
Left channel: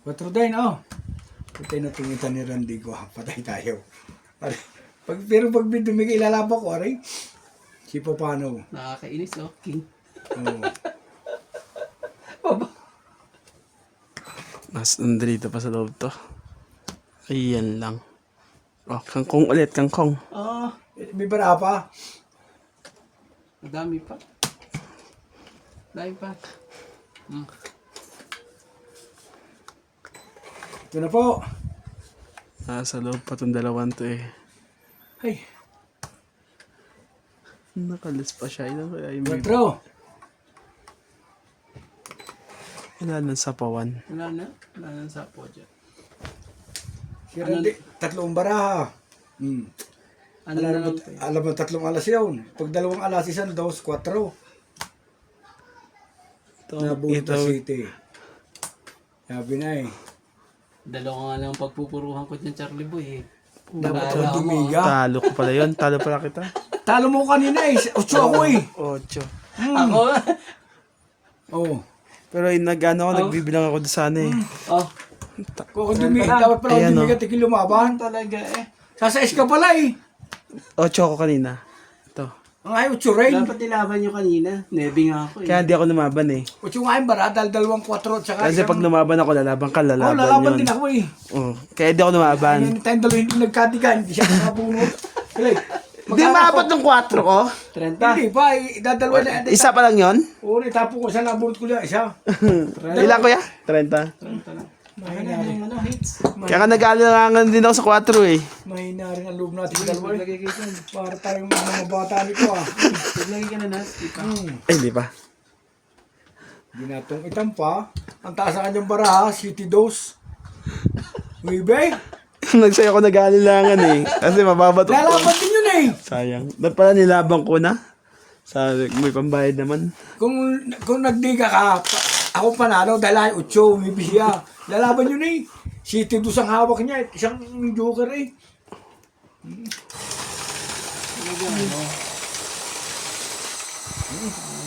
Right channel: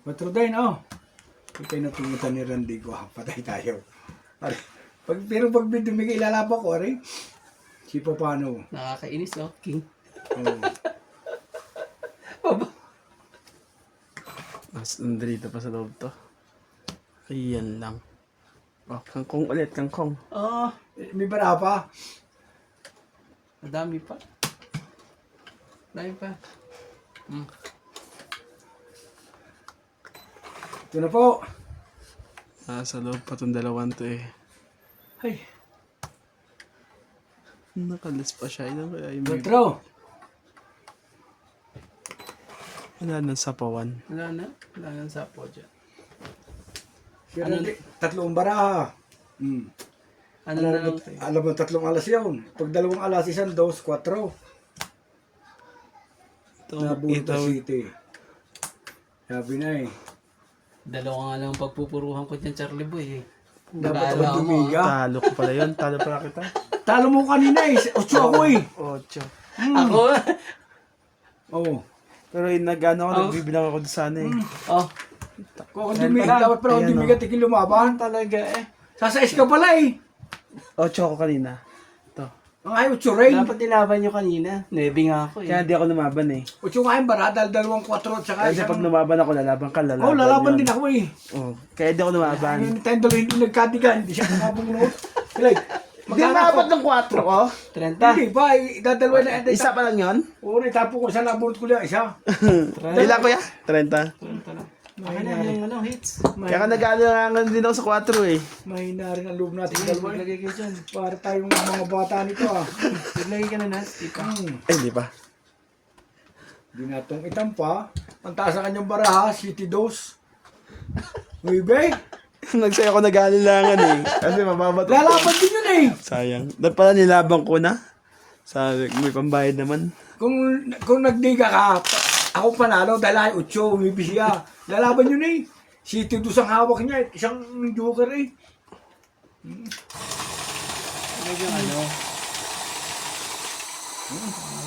4 din, oh. Patay na tungutan ni Randy ko, ha? Patay tayo. Pero pag dumigay ilalaba ko, rin. Si Papano. Nakakainis, no? King. Oh. Baba. Mas nandito pa sa loob to. Ayan lang. Oh, kangkong ulit, kangkong. Ah, May bara pa. madami pa. Dami pa. Ito na po. Sa loob pa itong dalawang to eh. Ay, Nakalis pa siya. Ilan kaya yung 4. Ilan ng sapawan? Wala na. Wala na sa po dyan. Si Randy, 3 bara. Ano na lang ito? Alam mo, 3 alas yun. Pag 2 alas, isang dos, 4. Nabuo Ito, sa city. Sabi na eh. Dalawa nga lang ang pagpupuruhan ko dyan, Charlie Boy. Dapat Wala ang ako, dumiga. talo ko pala yun. Talo pala kita. Talo mo kanina eh. 8 ako eh. 8. Ako? Oo. Pero yung nag-ano ako, nagbibilang ako doon sana eh. Oh. Kung dumiga, dapat pala Ayan, dumiga, tigil lumaban. Talaga eh. Sasais ka pala eh. 8 ako kanina. Ito. Ang ay 8 rin. Dapat nilaban nyo kanina. Nebe nga ako eh. Kaya hindi ako lumaban eh. 8 nga yung bara, dahil 2, 4 at saka Kasi pag lumaban ako, lalaban ka, lalaban Oo, lalaban yun. din ako eh. Oh, kaya hindi ako lumaban. Ayun, tayong dalawa hindi nagkatigan, hindi siya nakabunot. Hindi maapat ng 4 ko. 30. Hindi pa, dadalawa na. Isa pa lang yun? Oo, tapo ko siya, nabunot ko lang isa. Ilan ko ya? 30. 30 na. Mahina na yung ano, hits. Kaya ka nag-aalangan din ako sa 4 eh. Mahina rin ang loob natin dalawa eh. Maglagay kayo dyan. Para tayong mga bata nito ah. Maglagay ka na Nats. Di pa. Eh, hindi pa. Di natong itampa. Ang taas ng kanyang baraha, City Dose. Wibe, Nagsaya ako nag-aalangan eh. Kasi mababato ko. lalaban din yun eh. Sayang. Dapat pala nilabang ko na. Sabi, may pambayad naman. Kung nagdiga ka, ako panalo dahil ay 8, umibiya. Lalaban yun eh. City Dose ang hawak niya, isang joker eh. Talaga ano.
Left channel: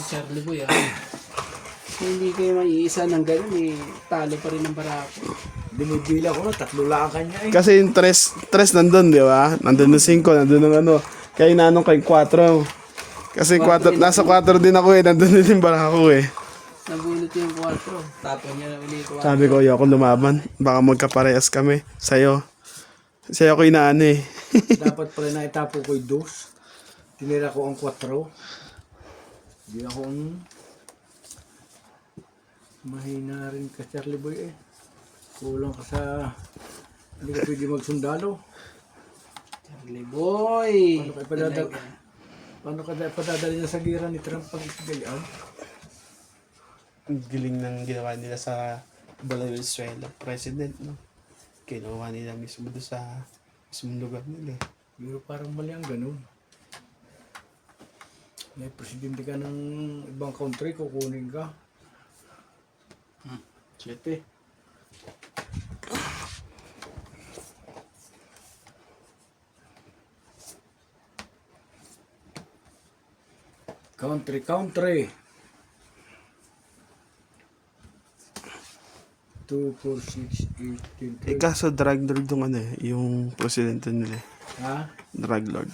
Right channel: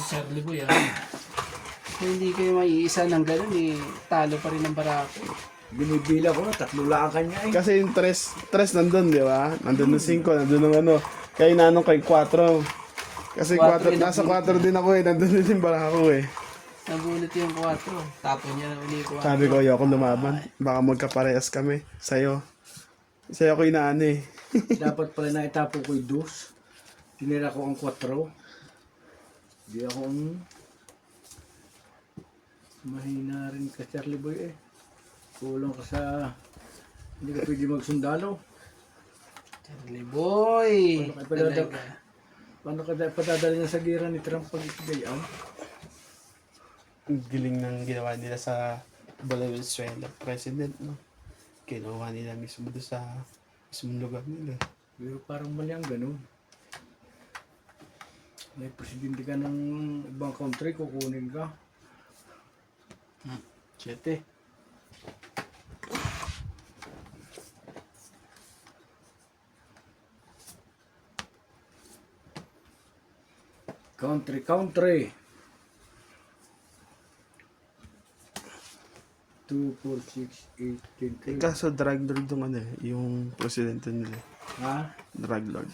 Charlie Boy ah. Kung hindi kayo maiisa ng gano'n eh, talo pa rin ang barako. Binibila ko, 3 lang kanya eh. Kasi yung 3 nandun, di ba? Nandun yung 5, nandun yung ano. Kaya inanong kay 4. Kasi 4, nasa 4 din ako eh. Nandun din yung barako eh. Nabunot yung 4. Tapon niya na uli yung 4. Sabi ko, ayoko lumaban. Baka magkaparehas kami. Sa'yo. Sa'yo ko inaano eh. Dapat pala na itapo ko yung 2. Tinira ko ang 4. Di ako mahina rin ka, Charlie Boy eh. Kulang ka sa... Hindi ka pwede magsundalo. Charlie Boy. Ano ka pala Talaga. Paano ka padadali na sa gira ni Trump pag gayon? Ang galing ng ginawa nila sa Valenzuela president, no? Ginawa nila mismo doon sa mismong lugar nila. Pero parang mali ang ganun. May presidente ka ng ibang country, kukunin ka. 7. Country. 2, 4, 6, 8, 10, 12. Kaso drug lord yung ano yung presidente nila. Ha? Drug lord.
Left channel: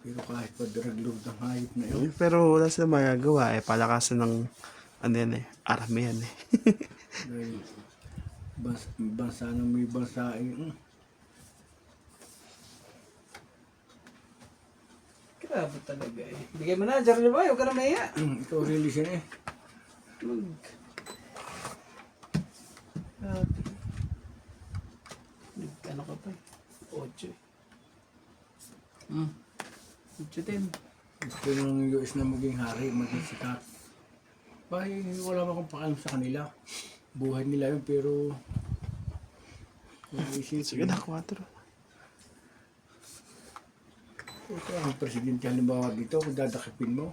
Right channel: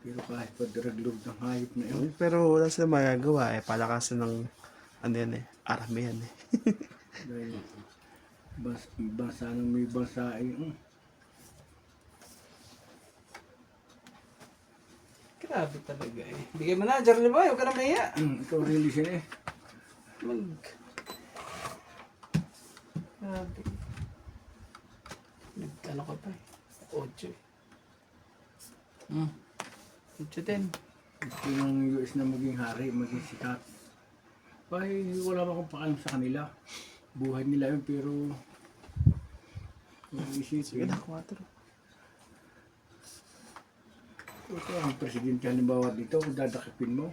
Pero kahit pa drug lord ng hayop na yun. Pero wala sila magagawa palakasin ng ano yan army yan Dahil bansa ng may bansa ay Grabe talaga eh. Bigay mo na, Charlie Boy. Huwag ka na mahiya. ikaw really siya eh. Grabe. Ano ka pa? 8 eh. 8 din. Gusto ng US na maging hari, maging sikat. Ay, wala akong pakalam sa kanila. Buhay nila yun, pero kung sige isipin, na 4 ito ang presidente halimbawa dito, kung dadakipin mo.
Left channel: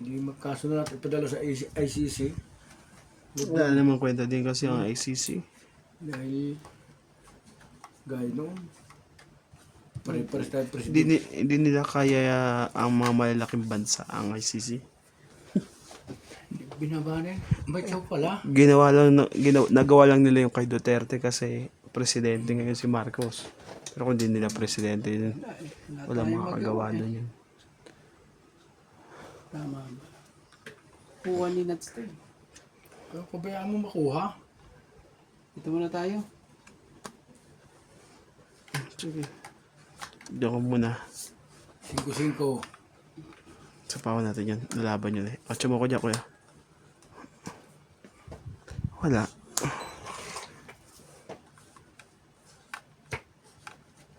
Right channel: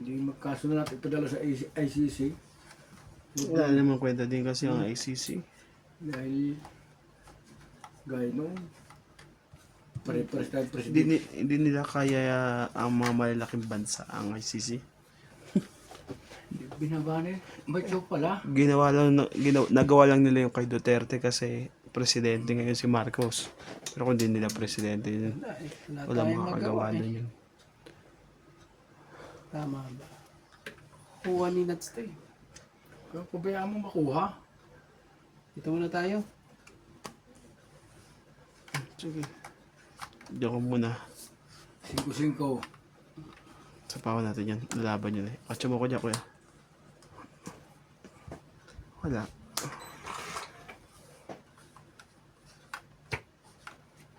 Hindi magkasunod natin ipadala sa ICC. wala namang kwenta din kasi ang ICC Dahil gaya noon, pare-pares tayo presidente. hindi nila kaya ang mga malalaking bansa ang ICC Binaba na yan. May show pala. nagawa lang nila yung kay Duterte kasi presidente ngayon si Marcos. Pero kung hindi nila presidente yun, wala makakagawa na yun. Tama ba? Kuha ni Nats to eh. Kaya pabayaan mo makuha. Ito muna tayo. Sige. Diyan ko muna. 5-5. Sapawan natin yan. Lalaban yun eh. 8 mo ko dyan, kuya. Wala.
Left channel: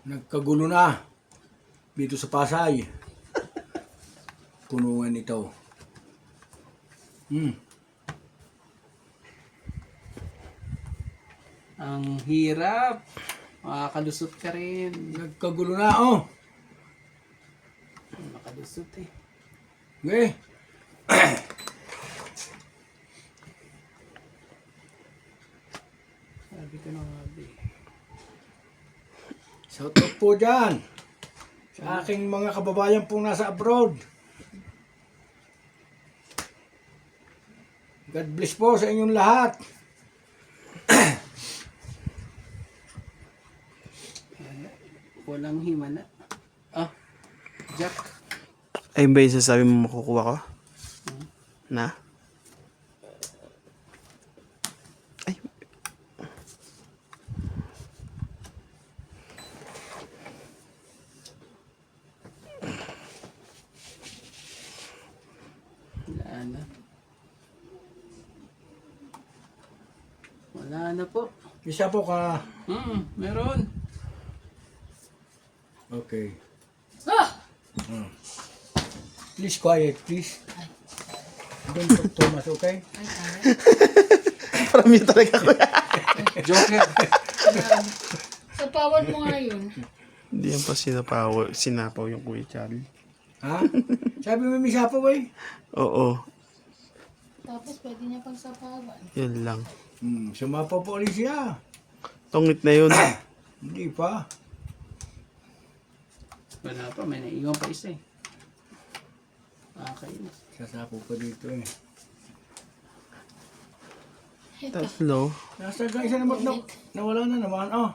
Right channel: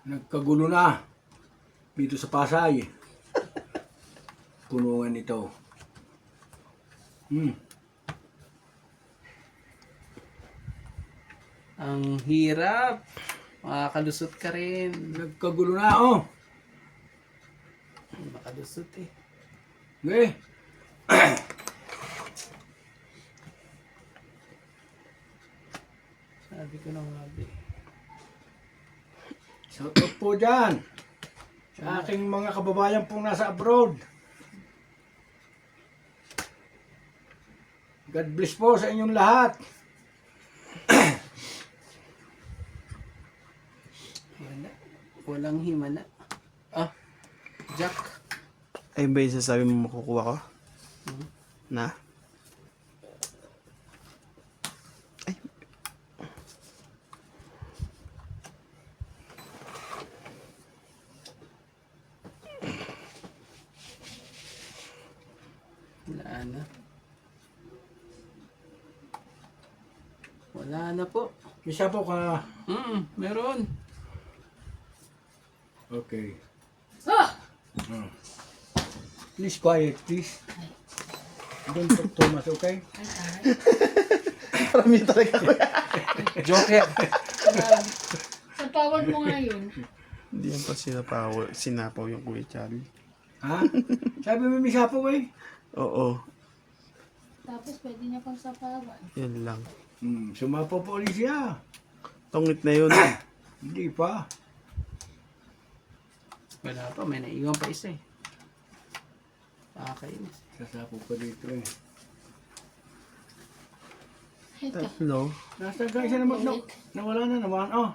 Nagkagulo na dito sa Pasay. Punungan ito. Ang hirap. Makakalusot ka rin. Nagkagulo na, oh. Makalusot eh. Okay. Sabi ko na nga ba eh. Shout out po dyan sa aking mga kababayan pong nasa abroad. God bless po sa inyong lahat. Walang himala. Jack. Ayun ba yung sasabi mo makukuha ko? Na? Wala na. Wala na po. Isa po ka. Meron. Okay. Please quiet, please. Don't talk too much, okay? Parang yun talaga kuya. Joker. Sa pawad mo nga yun. Hindi yan pa sinapaw yung Kuya Charlie. Ha? Sabi mo may sapo ba eh? Oo. Tapos pwede niya pang sapawan. Yun lang. Sumapo po ulit siya. Tongit na yun. Hindi pa. Wala pa. May naiwan pa isa eh. Okay na. Sasapo pa dito eh. Tatlo. Nasa guys na naman, nawala na naman. Oh.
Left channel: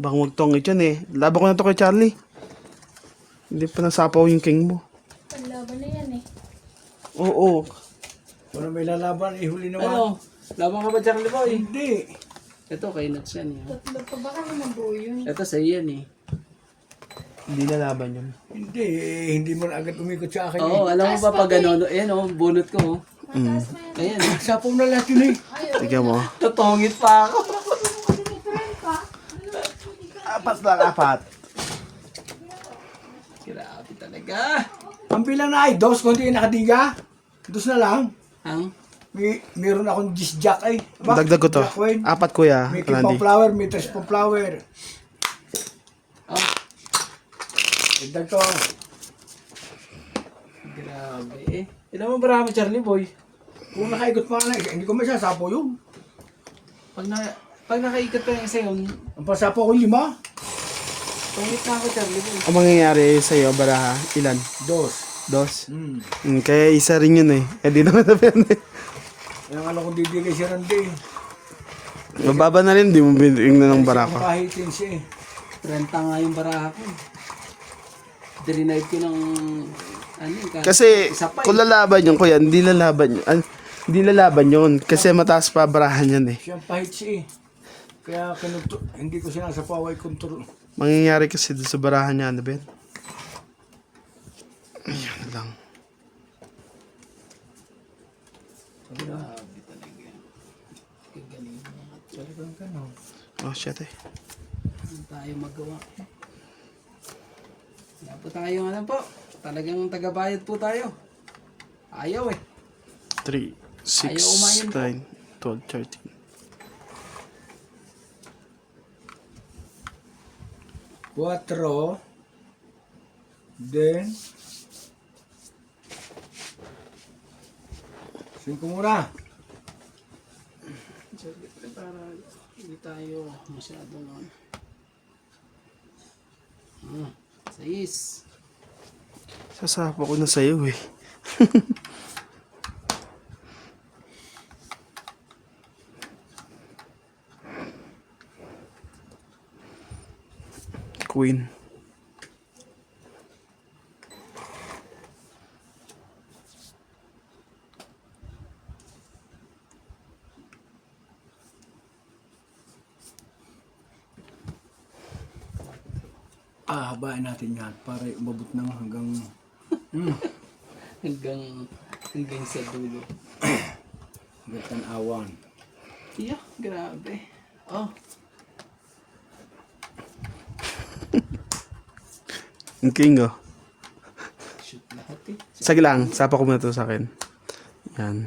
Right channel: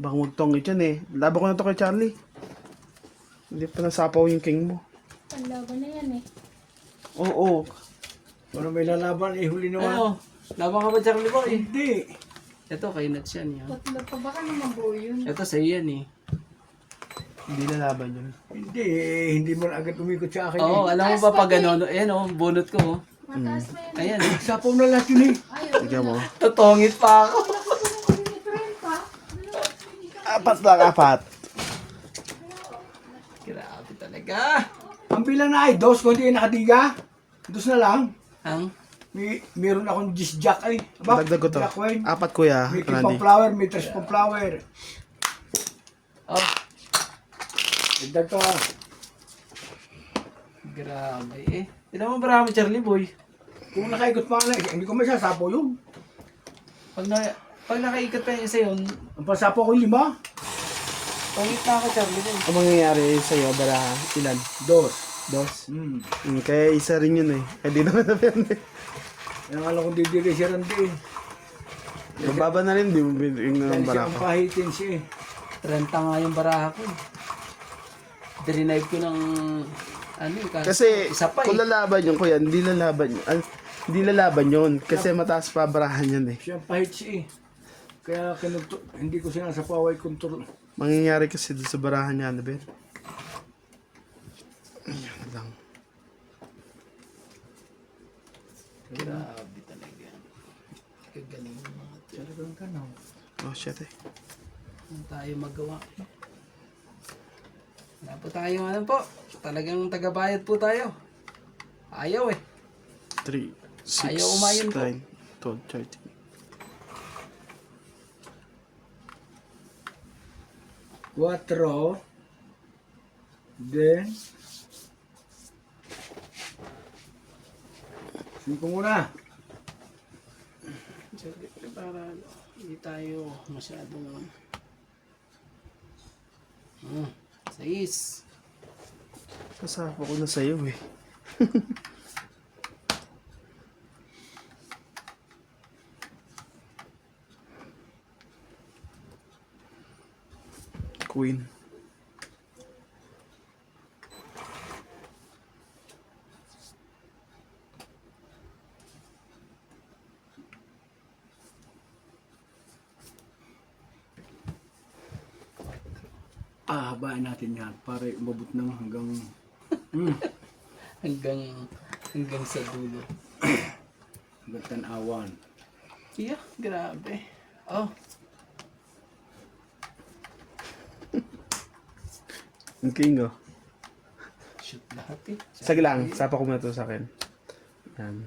Baka magtongit yan eh. Laban ko na to kay Charlie. Hindi pa nasapaw yung king mo. Panlaban na yan eh. Oo. Kung may lalaban, ihuli naman. Ano? Laban ka ba, Charlie Boy? Hindi. Ito kay Nats yan yun. Tatlo pa baka naman buo yun. Ito sa yan eh. Hindi lalaban yun. Hindi. Hindi mo na agad umikot sa akin Oo, eh. alam mo ba pag ano, ayan oh, bunot ko oh. Mataas na yun. Ayan, Sapaw na lahat yun eh. Tignan mo. tutungit pa ako. Different pa. Apat lang, apat. Grabe talaga. Ang bilang na ay dos, kung hindi nakatiga. Dos na lang. Ang? Meron akong disc-jack ay. Ba? Dagdag ko to. Jack Wayne. Apat kuya, May Randy. kipang flower, may tres pang flower. Oh, Dagdag ko. grabe eh. Ilan mo marami, Charlie Boy? Kung nakaikot pa na, hindi ko masasapo yun. Pag nakaikot pa yung isa yun, Ang pasapo ko 5. ulit na ako, Charlie Boy. Ang mangyayari sa'yo, baraha, ilan? Dos. Dos? Hmm. Kaya isa rin yun eh. Eh di naman napyan eh. Yung alam kong didiri si Randy. Mababa na rin, di mo binigyan ng Kasi barako. kung kahitin siya eh. 30 nga yung baraha ko. Drinave ko ng ano Kasi isa pa kung lalaban yun, kuya, hindi lalaban yun. Hindi lalaban yun. Kasi mataas pa barahan yan eh. Siya ang pahit siya eh. Kaya hindi ko sinasapaway kontrol. Mangyayari kasi doon sa barahan niya, ano ba yan? Ayan lang. Grabe talaga. Kagaling mo mga Talagang ka no. Oh shit eh. Ano tayo magawa? Wala po tayo ano po. Talagang tagabayad po tayo. Ayaw eh. 3, 6, Ayaw umayon po. 9, 12, 13. 4. Then 5 muna. Siyempre para hindi tayo masyadong 6. Sasapa ko na sa'yo eh. Queen. Habain natin yan para umabot ng hanggang hanggang sa dulo. tanawan. Yeah, grabe. Oh, Ang king oh. shoot lahat eh. Sige lang, sapa ko muna to sa akin. Yan.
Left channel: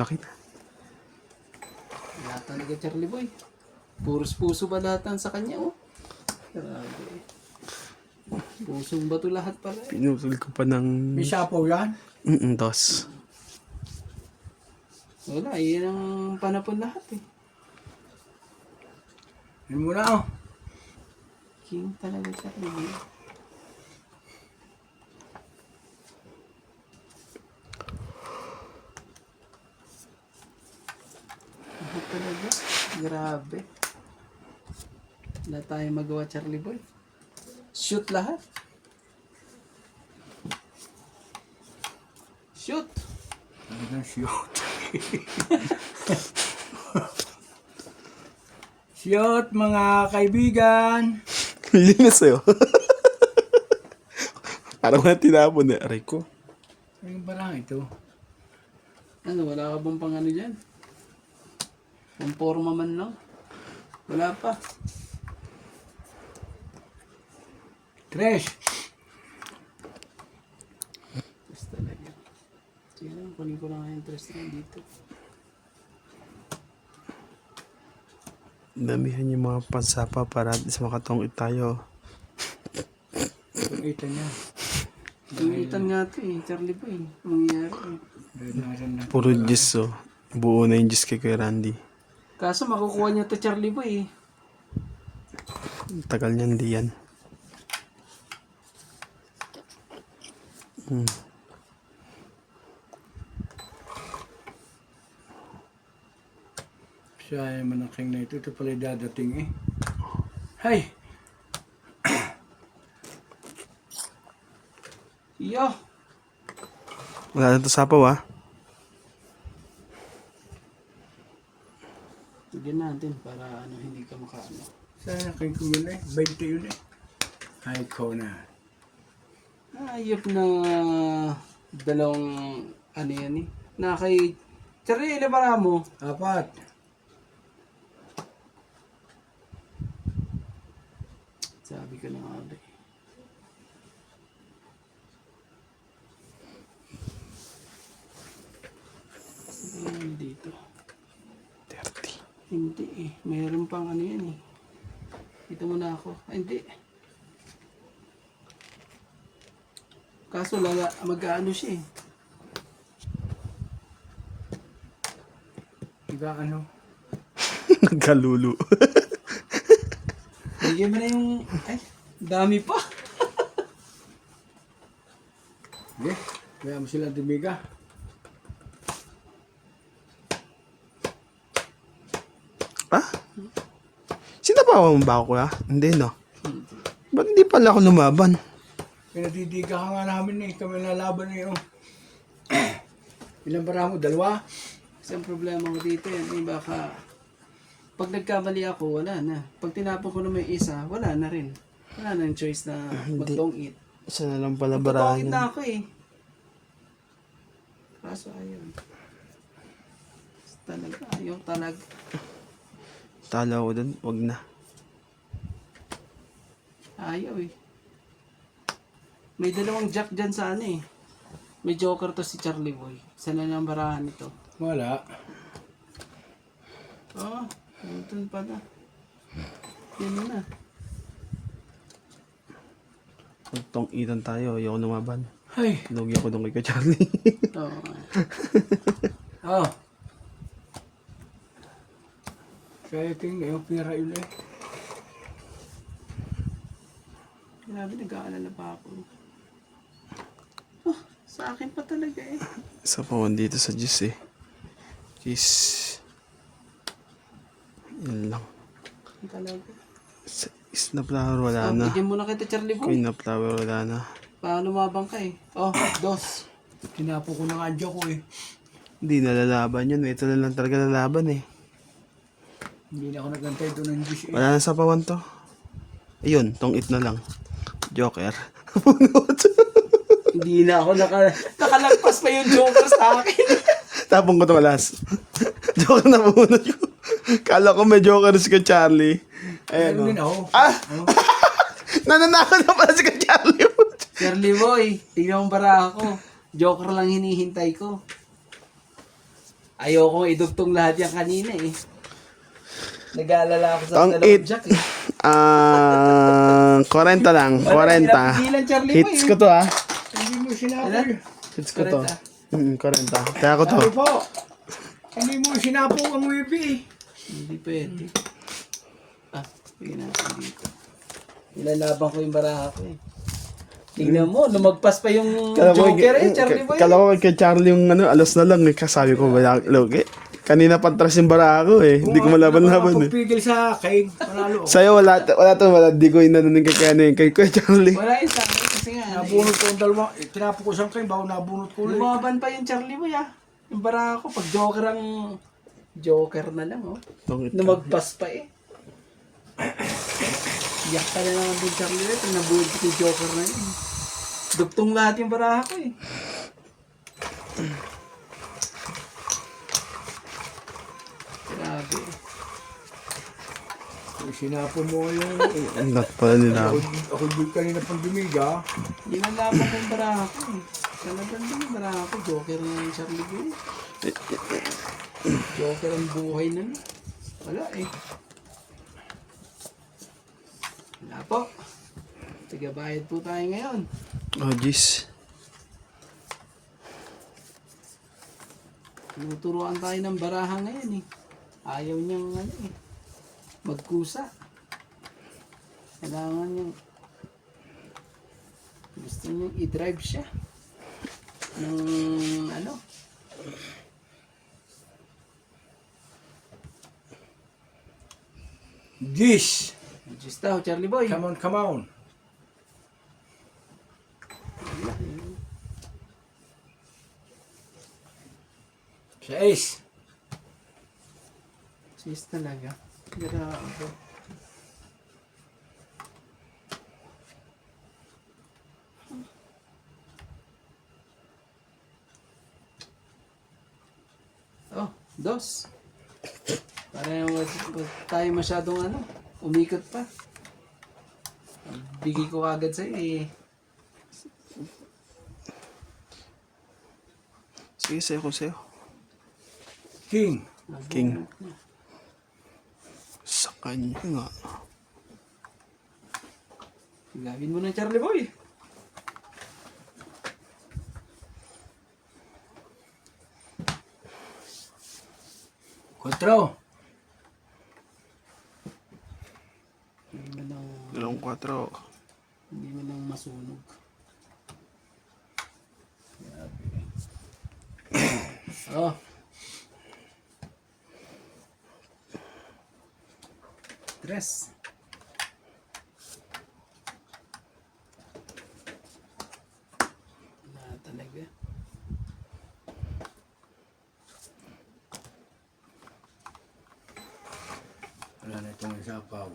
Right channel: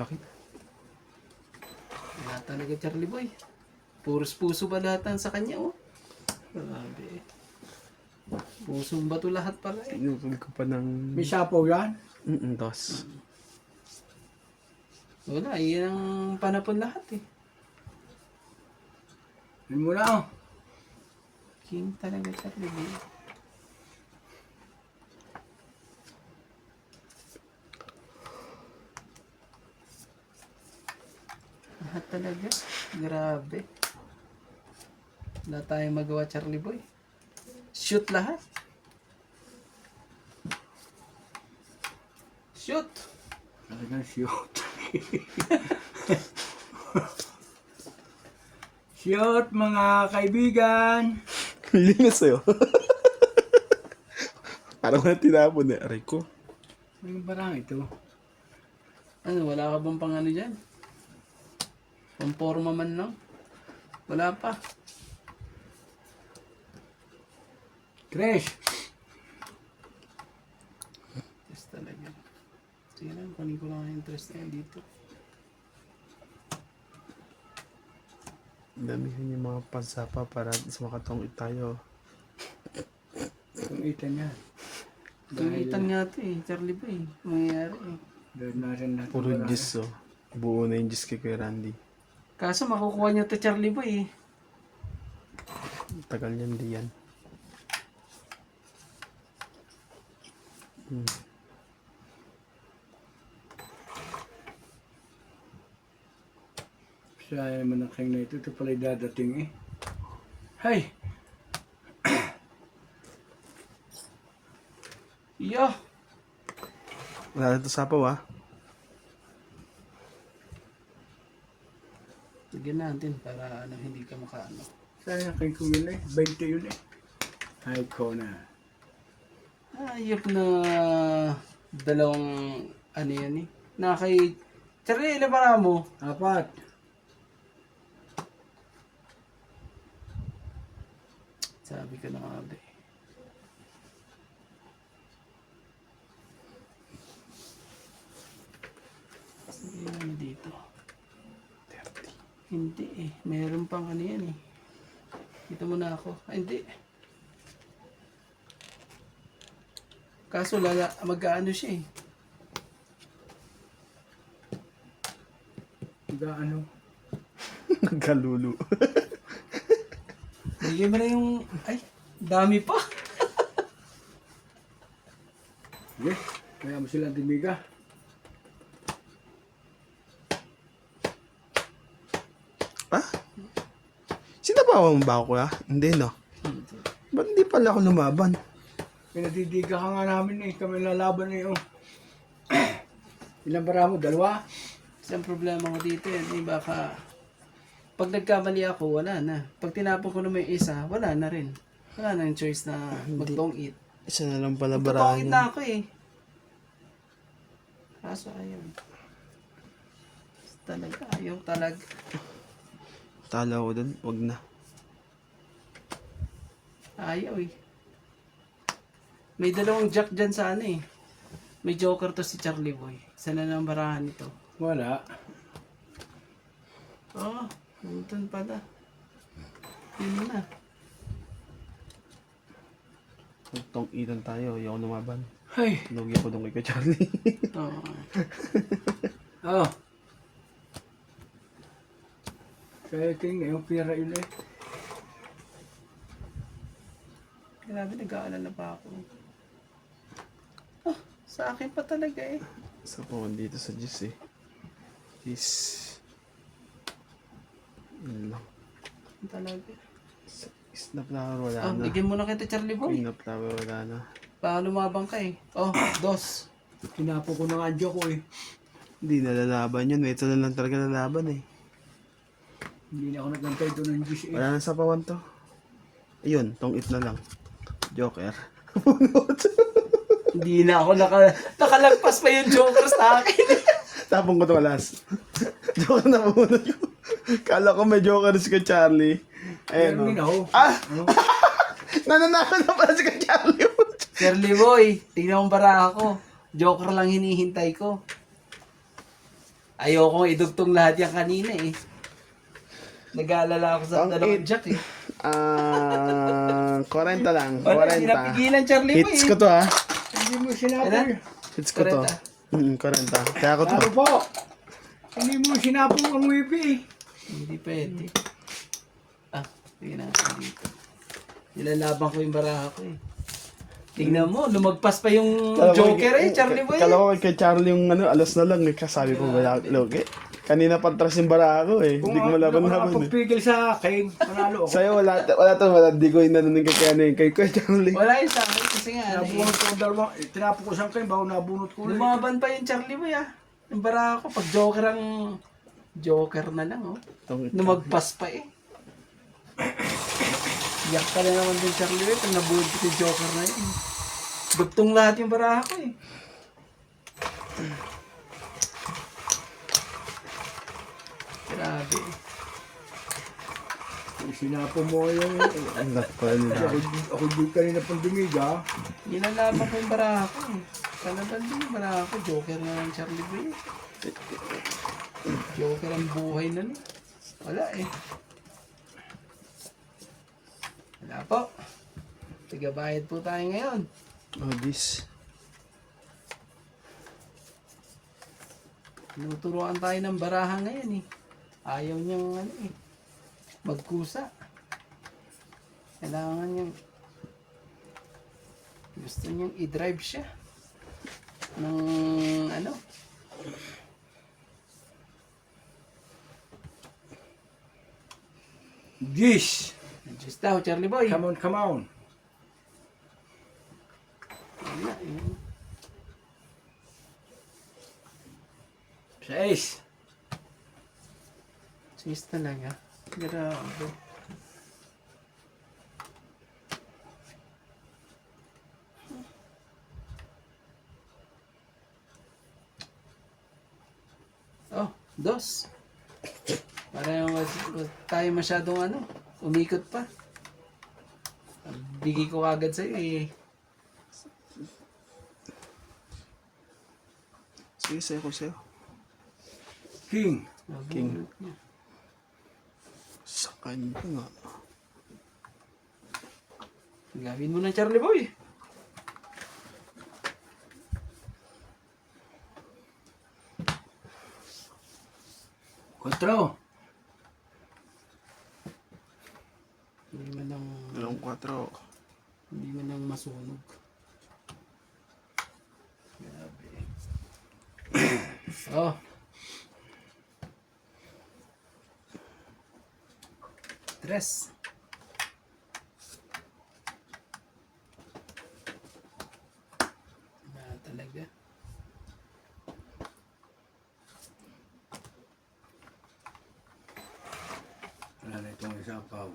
Okay na. Wala talaga Charlie Boy. Puros puso ba lahat sa kanya oh. Grabe. Pusong bato lahat pala eh. Pinutol ko pa ng... May sapaw yan. Dos. Wala, yan ang panapon lahat eh. Yan muna oh. King talaga Charlie Boy. Lahat talaga. Grabe. Wala tayong magawa Charlie Boy. Shoot lahat. Shoot. Talagang shoot. Shoot mga kaibigan. Yun na sa'yo. Parang wala tinapon eh. Aray ko. Ano ba lang ito? Ano, wala ka bang pang ano dyan? Pamporma man lang? Wala pa. Tres. Yes talaga. Sige lang, kunin ko lang ang interest na dito. Damihan yung mga pansapa para at least makatungit tayo. Ito niya. Tungitan nga ito eh, Charlie Boy. Mangyayari eh. Doon natin natin. Puro juice oh. Buo na yung juice kay Kuya Randy. Kaso makukuha niya ito Charlie Boy eh. Tagal niyan di yan. Sayang man ang king na ito. Ito pala dadating eh. Hay! Yo! Wala na to sapaw ah. Lagyan natin para ano, hindi ka makaano. Sayang ang king ko yun eh. 20 yun eh. Hay ko na. Ayop na Dalawang, ano yan eh. Charlie, ilan para mo? 4. Sabi ko na nga ulit. Ayan, dito. 30. Hindi eh. Meron pang ano yan eh. Dito muna ako. Ay, hindi. Kaso mag-ano siya eh. Ano? Nagkalulu. Bigyan mo na yung... Ay, dami pa. Okay. Kaya mo sila dumiga. Ah? Sinabawan mo ba ako kuya? Hindi no. Ba't hindi pala ako lumaban? Pinadidiga ka nga namin eh. Kami lalaban na yung... Ilang bara mo? 2? Isang problema ko dito yun. Baka... Pag nagkamali ako, wala na. Pag tinapon ko naman yung isa, wala na rin. Wala na yung choice na mag-long eat. Isa na lang pala Mag-long eat barahan. na ako eh. Kaso ayun. Talaga, ayaw talaga. Tala ko dun, wag na. Ayaw eh. May dalawang jack dyan sa ano eh. May joker to si Charlie Boy. Sana na ang barahan nito. Wala. Oh, puntun pala. Yun na. Itong itan tayo, ayoko lumaban. Ay. Lugi ako doon kay Charlie. Oo. Oh. Kaya king yung pira yun eh. Grabe, nag-aalala pa ako. Oh, sa akin pa talaga eh. Isa pa ako dito sa juice eh. Juice. Yun lang. Talaga. Snap flower wala Oh, na. bigyan mo na kita Charlie Boy. Queen of flower wala na. Baka lumabang ka eh. Oh, 2. Kinapo ko ng adyo ko eh. Hindi nalalaban yun. Ito na lang talaga lalaban eh. Hindi na ako nagantay doon ng Diyos eh. Wala na sa pawan to. Ayun, tong it na lang. Joker. Hindi na ako nakalagpas pa yung joker sa akin. Tapong ko to alas. Joker na muna yun. Kala ko may joker si ka Charlie. Ayun Ayun din o. ako. Ah! Nananakot na pala si ka Charlie. Charlie Boy, tingnan mo bara ako. Joker lang hinihintay ko. Ayoko idugtong lahat yan kanina eh. Nag-aalala ako sa Tong dalawang it. jack eh. 40 lang. Wala, 40. pinapigilan, Charlie Boy Hits eh. ko to ha. Hindi mo sinapo Ilan? eh. Hits ko to. 40. Kaya ko to. Ano po? Hindi mo sinapo ang wipi eh. Hindi pwede. Ah, tingnan natin dito. Nilalabang ko yung baraha ko eh. Tingnan mo, lumagpas pa yung joker eh, Charlie Boy. Kala ko kay Charlie yung ano, alas na lang eh. Kasabi ko wala logi. Kanina pantras yung bara ako eh. Hindi ko malaban-laban eh. Pagpigil sa akin, panalo ako. Sa'yo wala wala. Di ko inanunin kay ano kay Kuya Charlie. Wala yun sa akin kasi nga. ano eh. Nabunot ko yung dalawa. Tinapo ko siyang kayo, bago nabunot ko ulit. Lumaban pa yung Charlie Boy ah. Yung baraha ko, pag joker ang... Joker na lang oh. Lumagpas pa eh. Yak ka na naman din Charlie Boy kung nabuhod ko yung joker na yun. Dugtong lahat yung baraha ko eh. Grabe. Sinapo mo yung... Ang lat pala nila. Ako din kanina pang dumiga. Ginagawa ko yung baraha ko eh. Talagang din yung baraha ko. Joker na yung Charlie Boy. Joker ang buhay na no. Wala eh. Wala po. Tigabayad po tayo ngayon. Oh, jeez. Tinuturuan tayo ng baraha ngayon eh. Ayaw niyang ano eh. Magkusa. Kailangan niyang gusto niyang i-drive siya. Ng ano. Gish! Just daw, Charlie Boy. Come on, come on. Wala, eh. Sa ace. Sis talaga. Grabe. Dos. Para tayo masyadong umikot pa. Bigay ko agad sa'yo eh. Sige, sa'yo ko sa'yo. King. King. Sa kanya nga. Gawin mo na, Charlie Boy. Kontro. Hindi mo lang, Dalawang 4. hindi mo lang masunog. Grabe. Oh. Tres. Wala talaga. Wala na itong isapaw.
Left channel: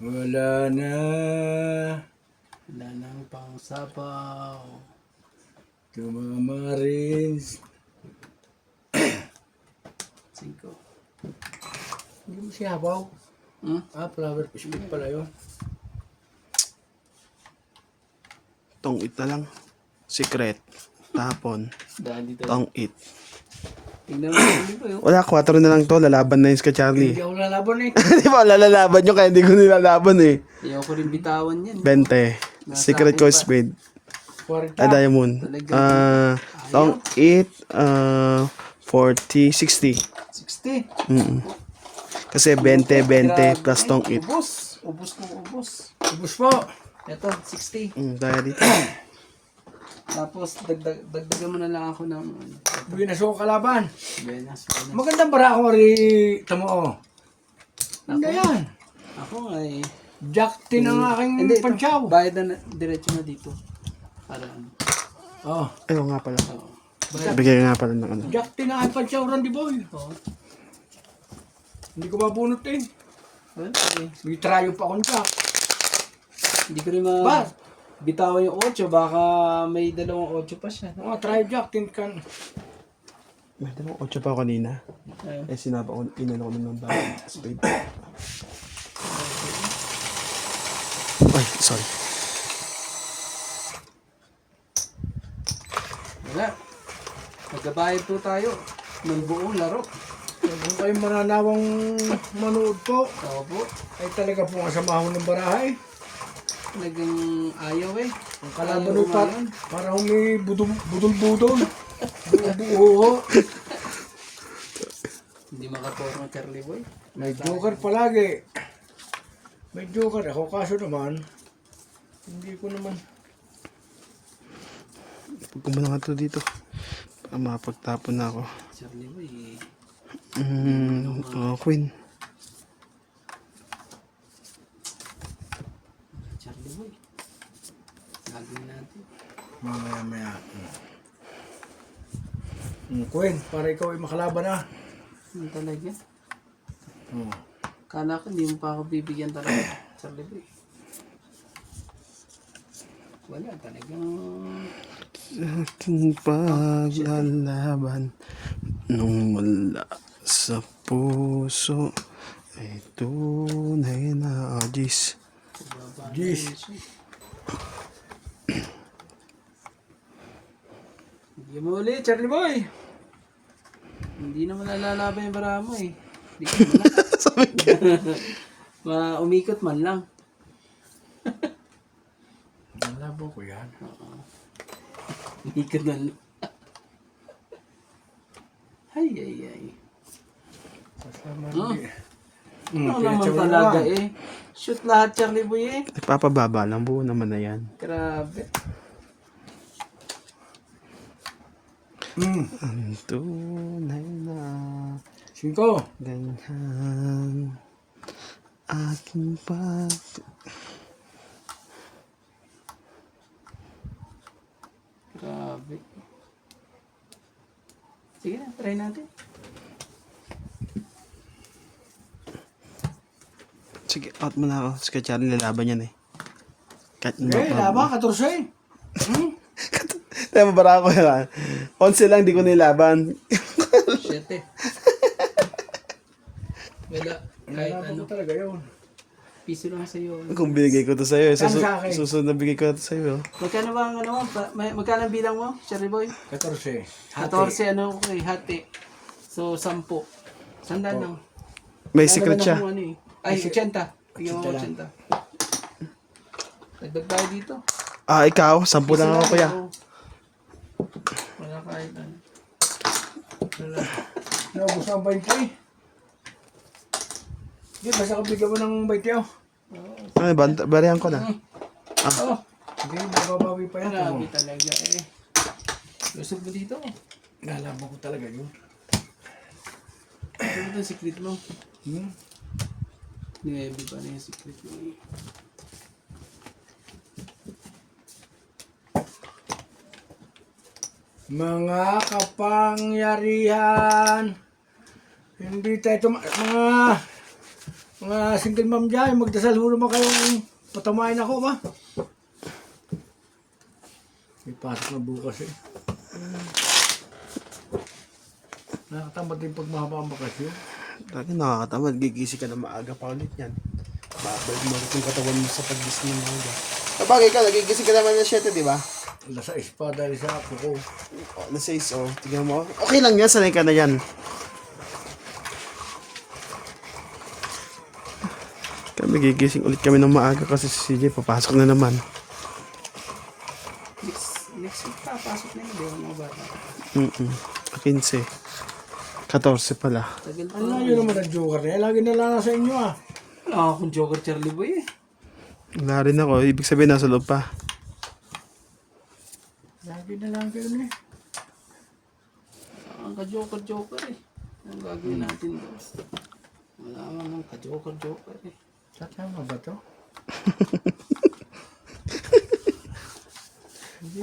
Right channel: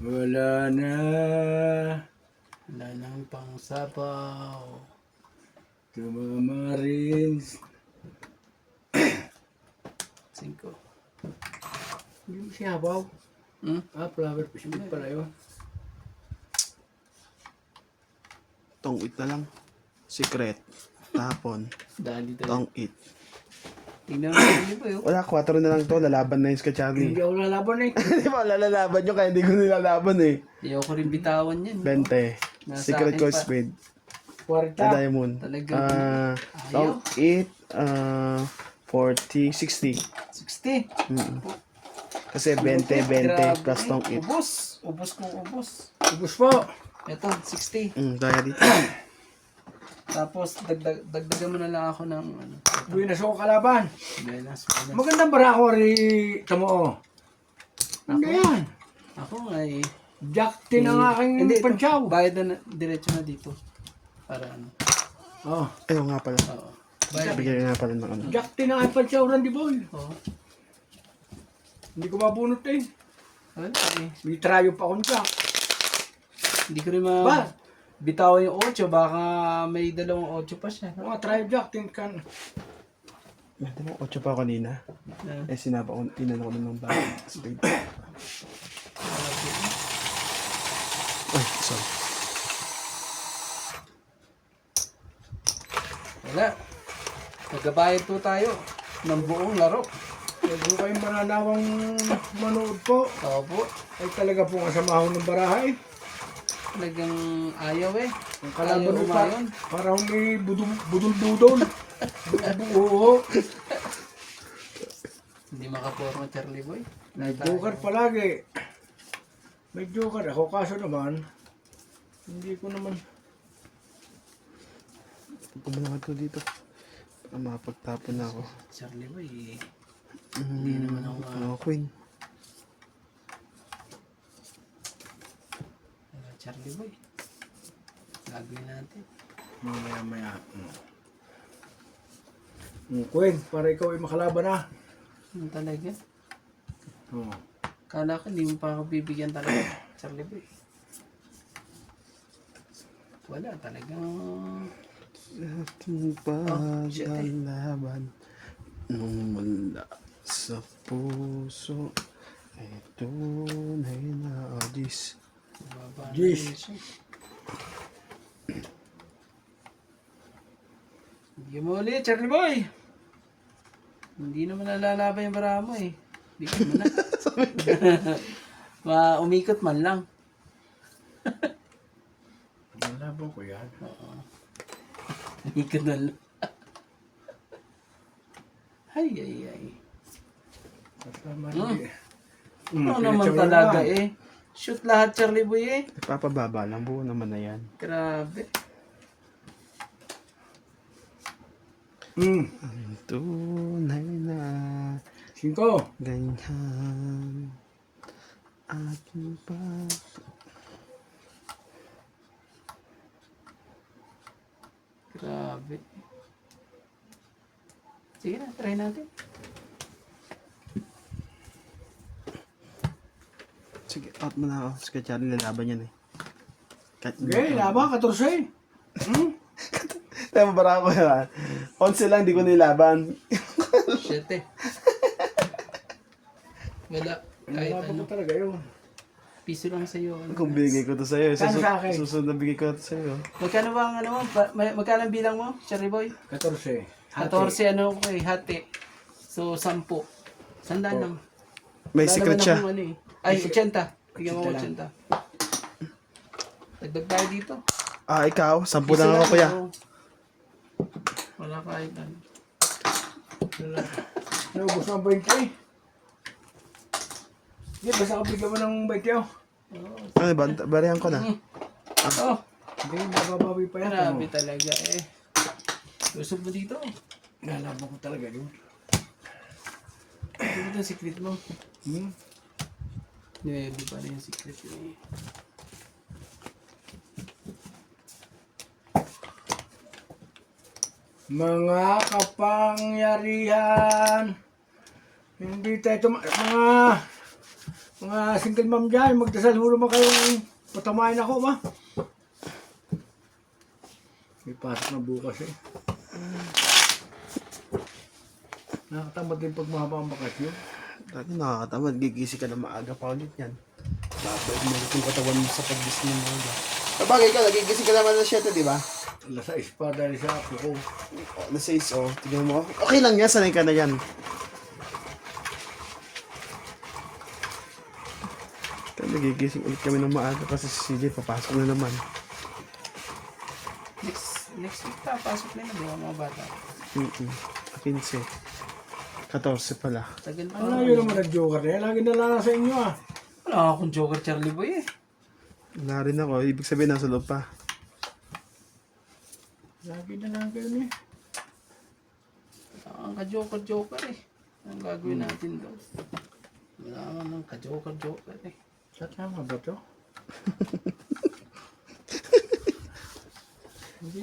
Wala na. Wala nang pangsapaw. Tumamarins. 5. Hindi mo siyabaw. Flower fish meat pala yun. Tong it na lang. Secret. Tapon. Dali tayo. Tong it. Tingnan mo Charlie Boy. Wala, 4 na lang to. Lalaban na yun ka Charlie. Hindi ako lalaban eh. Di ba, lalaban nyo kaya hindi ko nilalaban eh. Hindi ako rin bitawan yan. 20. Nasa Secret akin ko pa. speed. 40. Diamond. Talagang- Tong it. 40, 60. 60. Kasi 20, 20 Grabe. plus tong it. Ubus. Ubus kung ubus. Ubus po. Ito, 60. Kaya dito. Tapos, dagdagan mo na lang ako ng Buenas ako kalaban. Buenas. Magandang bara ako rin. Tamo o. Hindi yan. Ako ay... Jack tin ang aking Hindi, ito. pansyaw. Bayad na, diretso na dito. Para Oh. Ayaw nga pala. Oo. Bigay nga pala ng ano. Jack tin ang aking pansyaw, Randy Boy. Oo. Hindi ko mabunot eh. Well, okay. May trayo pa akong Jack. Hindi ko rin Ba? bitaw yung 8. Baka may 2 8 pa siya. Mga trayo Jack tin kan. May dalawang 8 pa ako kanina. Eh, sinaba ko, inano ko na ng bag. Speed. Ay, sorry. Wala. Magbabayad po tayo ng buong laro. Kung kayong mga nawang manood po, Opo. ay talaga po ang samahan ng barahay. Talagang ayaw eh. Ang kalaban Ayaw mo pa, umayon. parang may budol-budol. Buo. Hindi makaturo ng Charlie Boy. May joker palagi. May joker ako, kaso naman, hindi ko naman. Pagka mo na nga to dito. Para makapagtapon na ako. Charlie Boy eh. Queen. Charlie Boy. Gagawin natin. Maya. Queen, para ikaw ay makalaban na. Ano talaga? Oh. Kala ko hindi mo pa ako bibigyan talaga. Charlie Boy. Wala talagang... Ating paglalaban nung mula sa puso ay tunay na agis. Jeez. Hindi mo ulit, Charlie Boy. Hindi naman nalalaban yung bara mo eh. Hindi mo na. Umikot man lang. Malabo ko yan. Umikot man lang. Ay. Kasama Ano naman talaga eh. Shoot lahat, Charlie Boy eh. Nagpapababa lang, buo naman na yan. Grabe. Ang tunay na 5. ganyan aking Grabe. Sige na, try natin. Sige, out mo na ako. Sige, Charlie, lalaban yan eh. Kahit Okay, laban, 14. Tama para ako yan. 11 lang, di ko nilaban. 7. Wala. Kahit Laban ano. ko talaga yun. Piso lang sa'yo. Kung binigay ko to sa'yo, Kano sa akin? susunod na bigay ko to sa'yo. Magkano ba ang ano mo? Magkano ang bilang mo, Cherry Boy? 14. 14 ano kay hati. So 10. Sandaan lang. May Lalo secret na siya. kung ano eh. Ay, 80. Tingnan mo 80 lang. 80. Dagdag tayo dito. Ah, ikaw, 10 Isa lang ako, kuya. oo. Wala kahit ano. Wala. Naubos ang 20. Hindi, basta kapigyan mo ng 20 oh. Ay, barihan ko na. Oh, Hindi, mababawi pa yan. grabe talaga eh. Gusto mo dito? Lalaban ko talaga yun. Ano ba ang secret mo? Hmm? Ninebi pa rin yung secret mo eh. Mga kapangyarihan, hindi tayo mga single mom dyan, magdasal huro mo kayo, patamain ako ba? May pasok na bukas eh. Nakakatamad din pag mahaba ang bakasyon. Dati nakakatamad, gigising ka na maaga pa ulit yan. Babalik mo ulit yung katawan mo sa pag-gising ng maaga. Sabagay ka, nagigising ka naman ng 7, di ba? Alas 6 pa dahil sa ako ko. Nasa 6, oh. Tignan mo. Okay lang yan, sanay ka na yan. Kami gigising ulit kami ng maaga kasi si CJ papasok na naman. Next week pa, pasok na yun. Di ba mga bata? 15. 14 pala. Tagal pa. Ano yun naman ang joker eh? Lagi na lang sa inyo ah. Wala akong Joker Charlie Boy eh. Wala rin ako. Ibig sabihin nasa loob pa. Lagi na lang kayo eh. Ang ka-Joker eh. Ang gagawin natin doon? Wala naman ka-Joker eh. Tama ba to?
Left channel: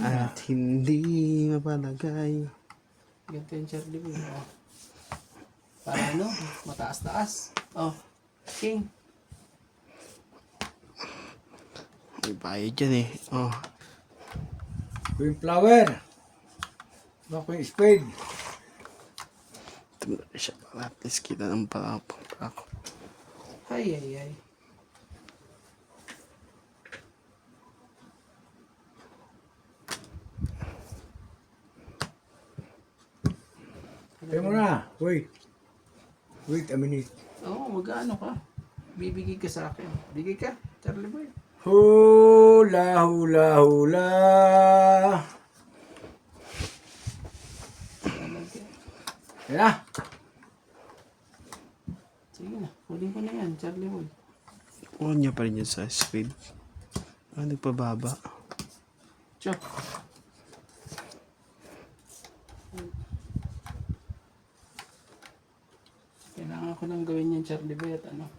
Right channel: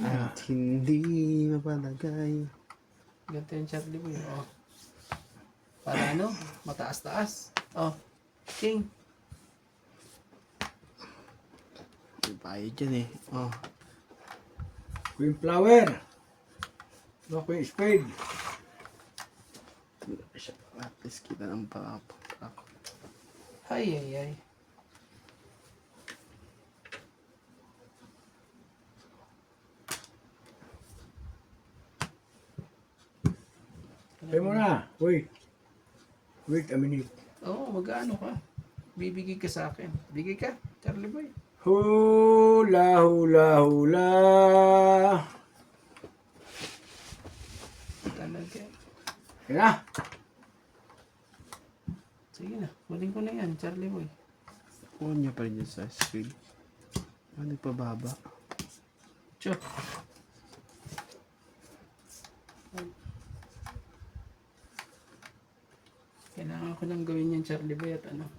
At hindi mapalagay. Ganito yung Charlie Boy. Oh. Para ano? Mataas-taas. Oh. King. May bayad dyan eh. Oh. Queen flower. Ba queen spade. Ito mo na siya. At least kita ng ako. Ay. Kaya mo na. Wait. Wait a minute. Oo, mag-ano ka. Bibigay ka sa akin. Bigay ka, Charlie Boy. Hula, hula, hula. Alam ka. Yan na. Sige na, kunin ko na yan, Charlie Boy. Kuha niya pa rin yun sa speed. Ah, nagpababa. Tiyo. Kailangan ko nang gawin yan, Charlie Boy, at ano.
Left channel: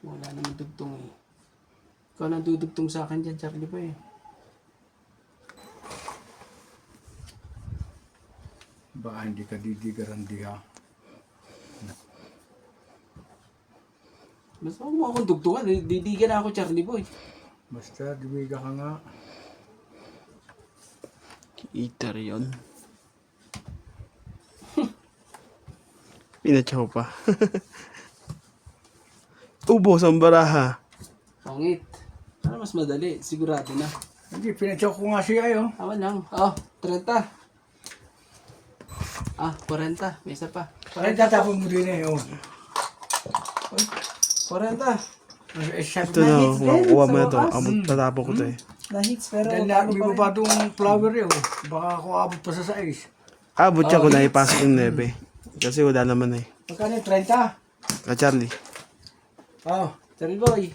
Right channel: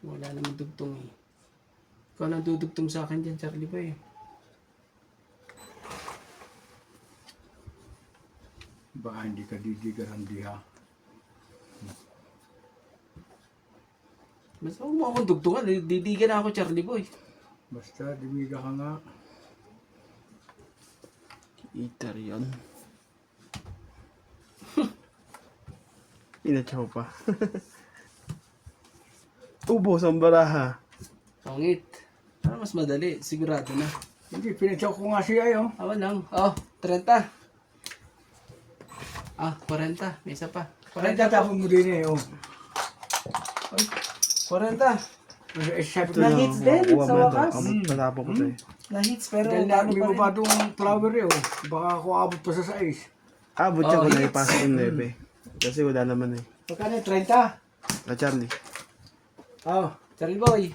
Wala naman dugtong eh. Ikaw lang dudugtong sa akin dyan, Charlie Boy. Baka hindi ka didigaran diha. Basta huwag mo akong dugtungan, didigan na ako, Charlie Boy. Basta diwiga ka nga. Eater yun. Pinatsaw pa. Ubos ang baraha. Pangit. Para mas madali, sigurado na. Hindi, pinacheck ko nga siya oh. Awan lang. Oh, 30. Ah, 40. May isa pa. Parang tatapon mo din eh oh. 40. Sabi Ito ko, na, hits din, kuha mo sa na ito. wakas. Tatapon ko ito eh. Na-hits pero dahil talo lagi pa mo pa rin. itong flower eh oh. Baka ako abot pa sa 6. Abot siya ko na ipasok yung 9. Kasi wala naman eh. Magkano 30? Ah, Charlie. Oh. Charlie Boy.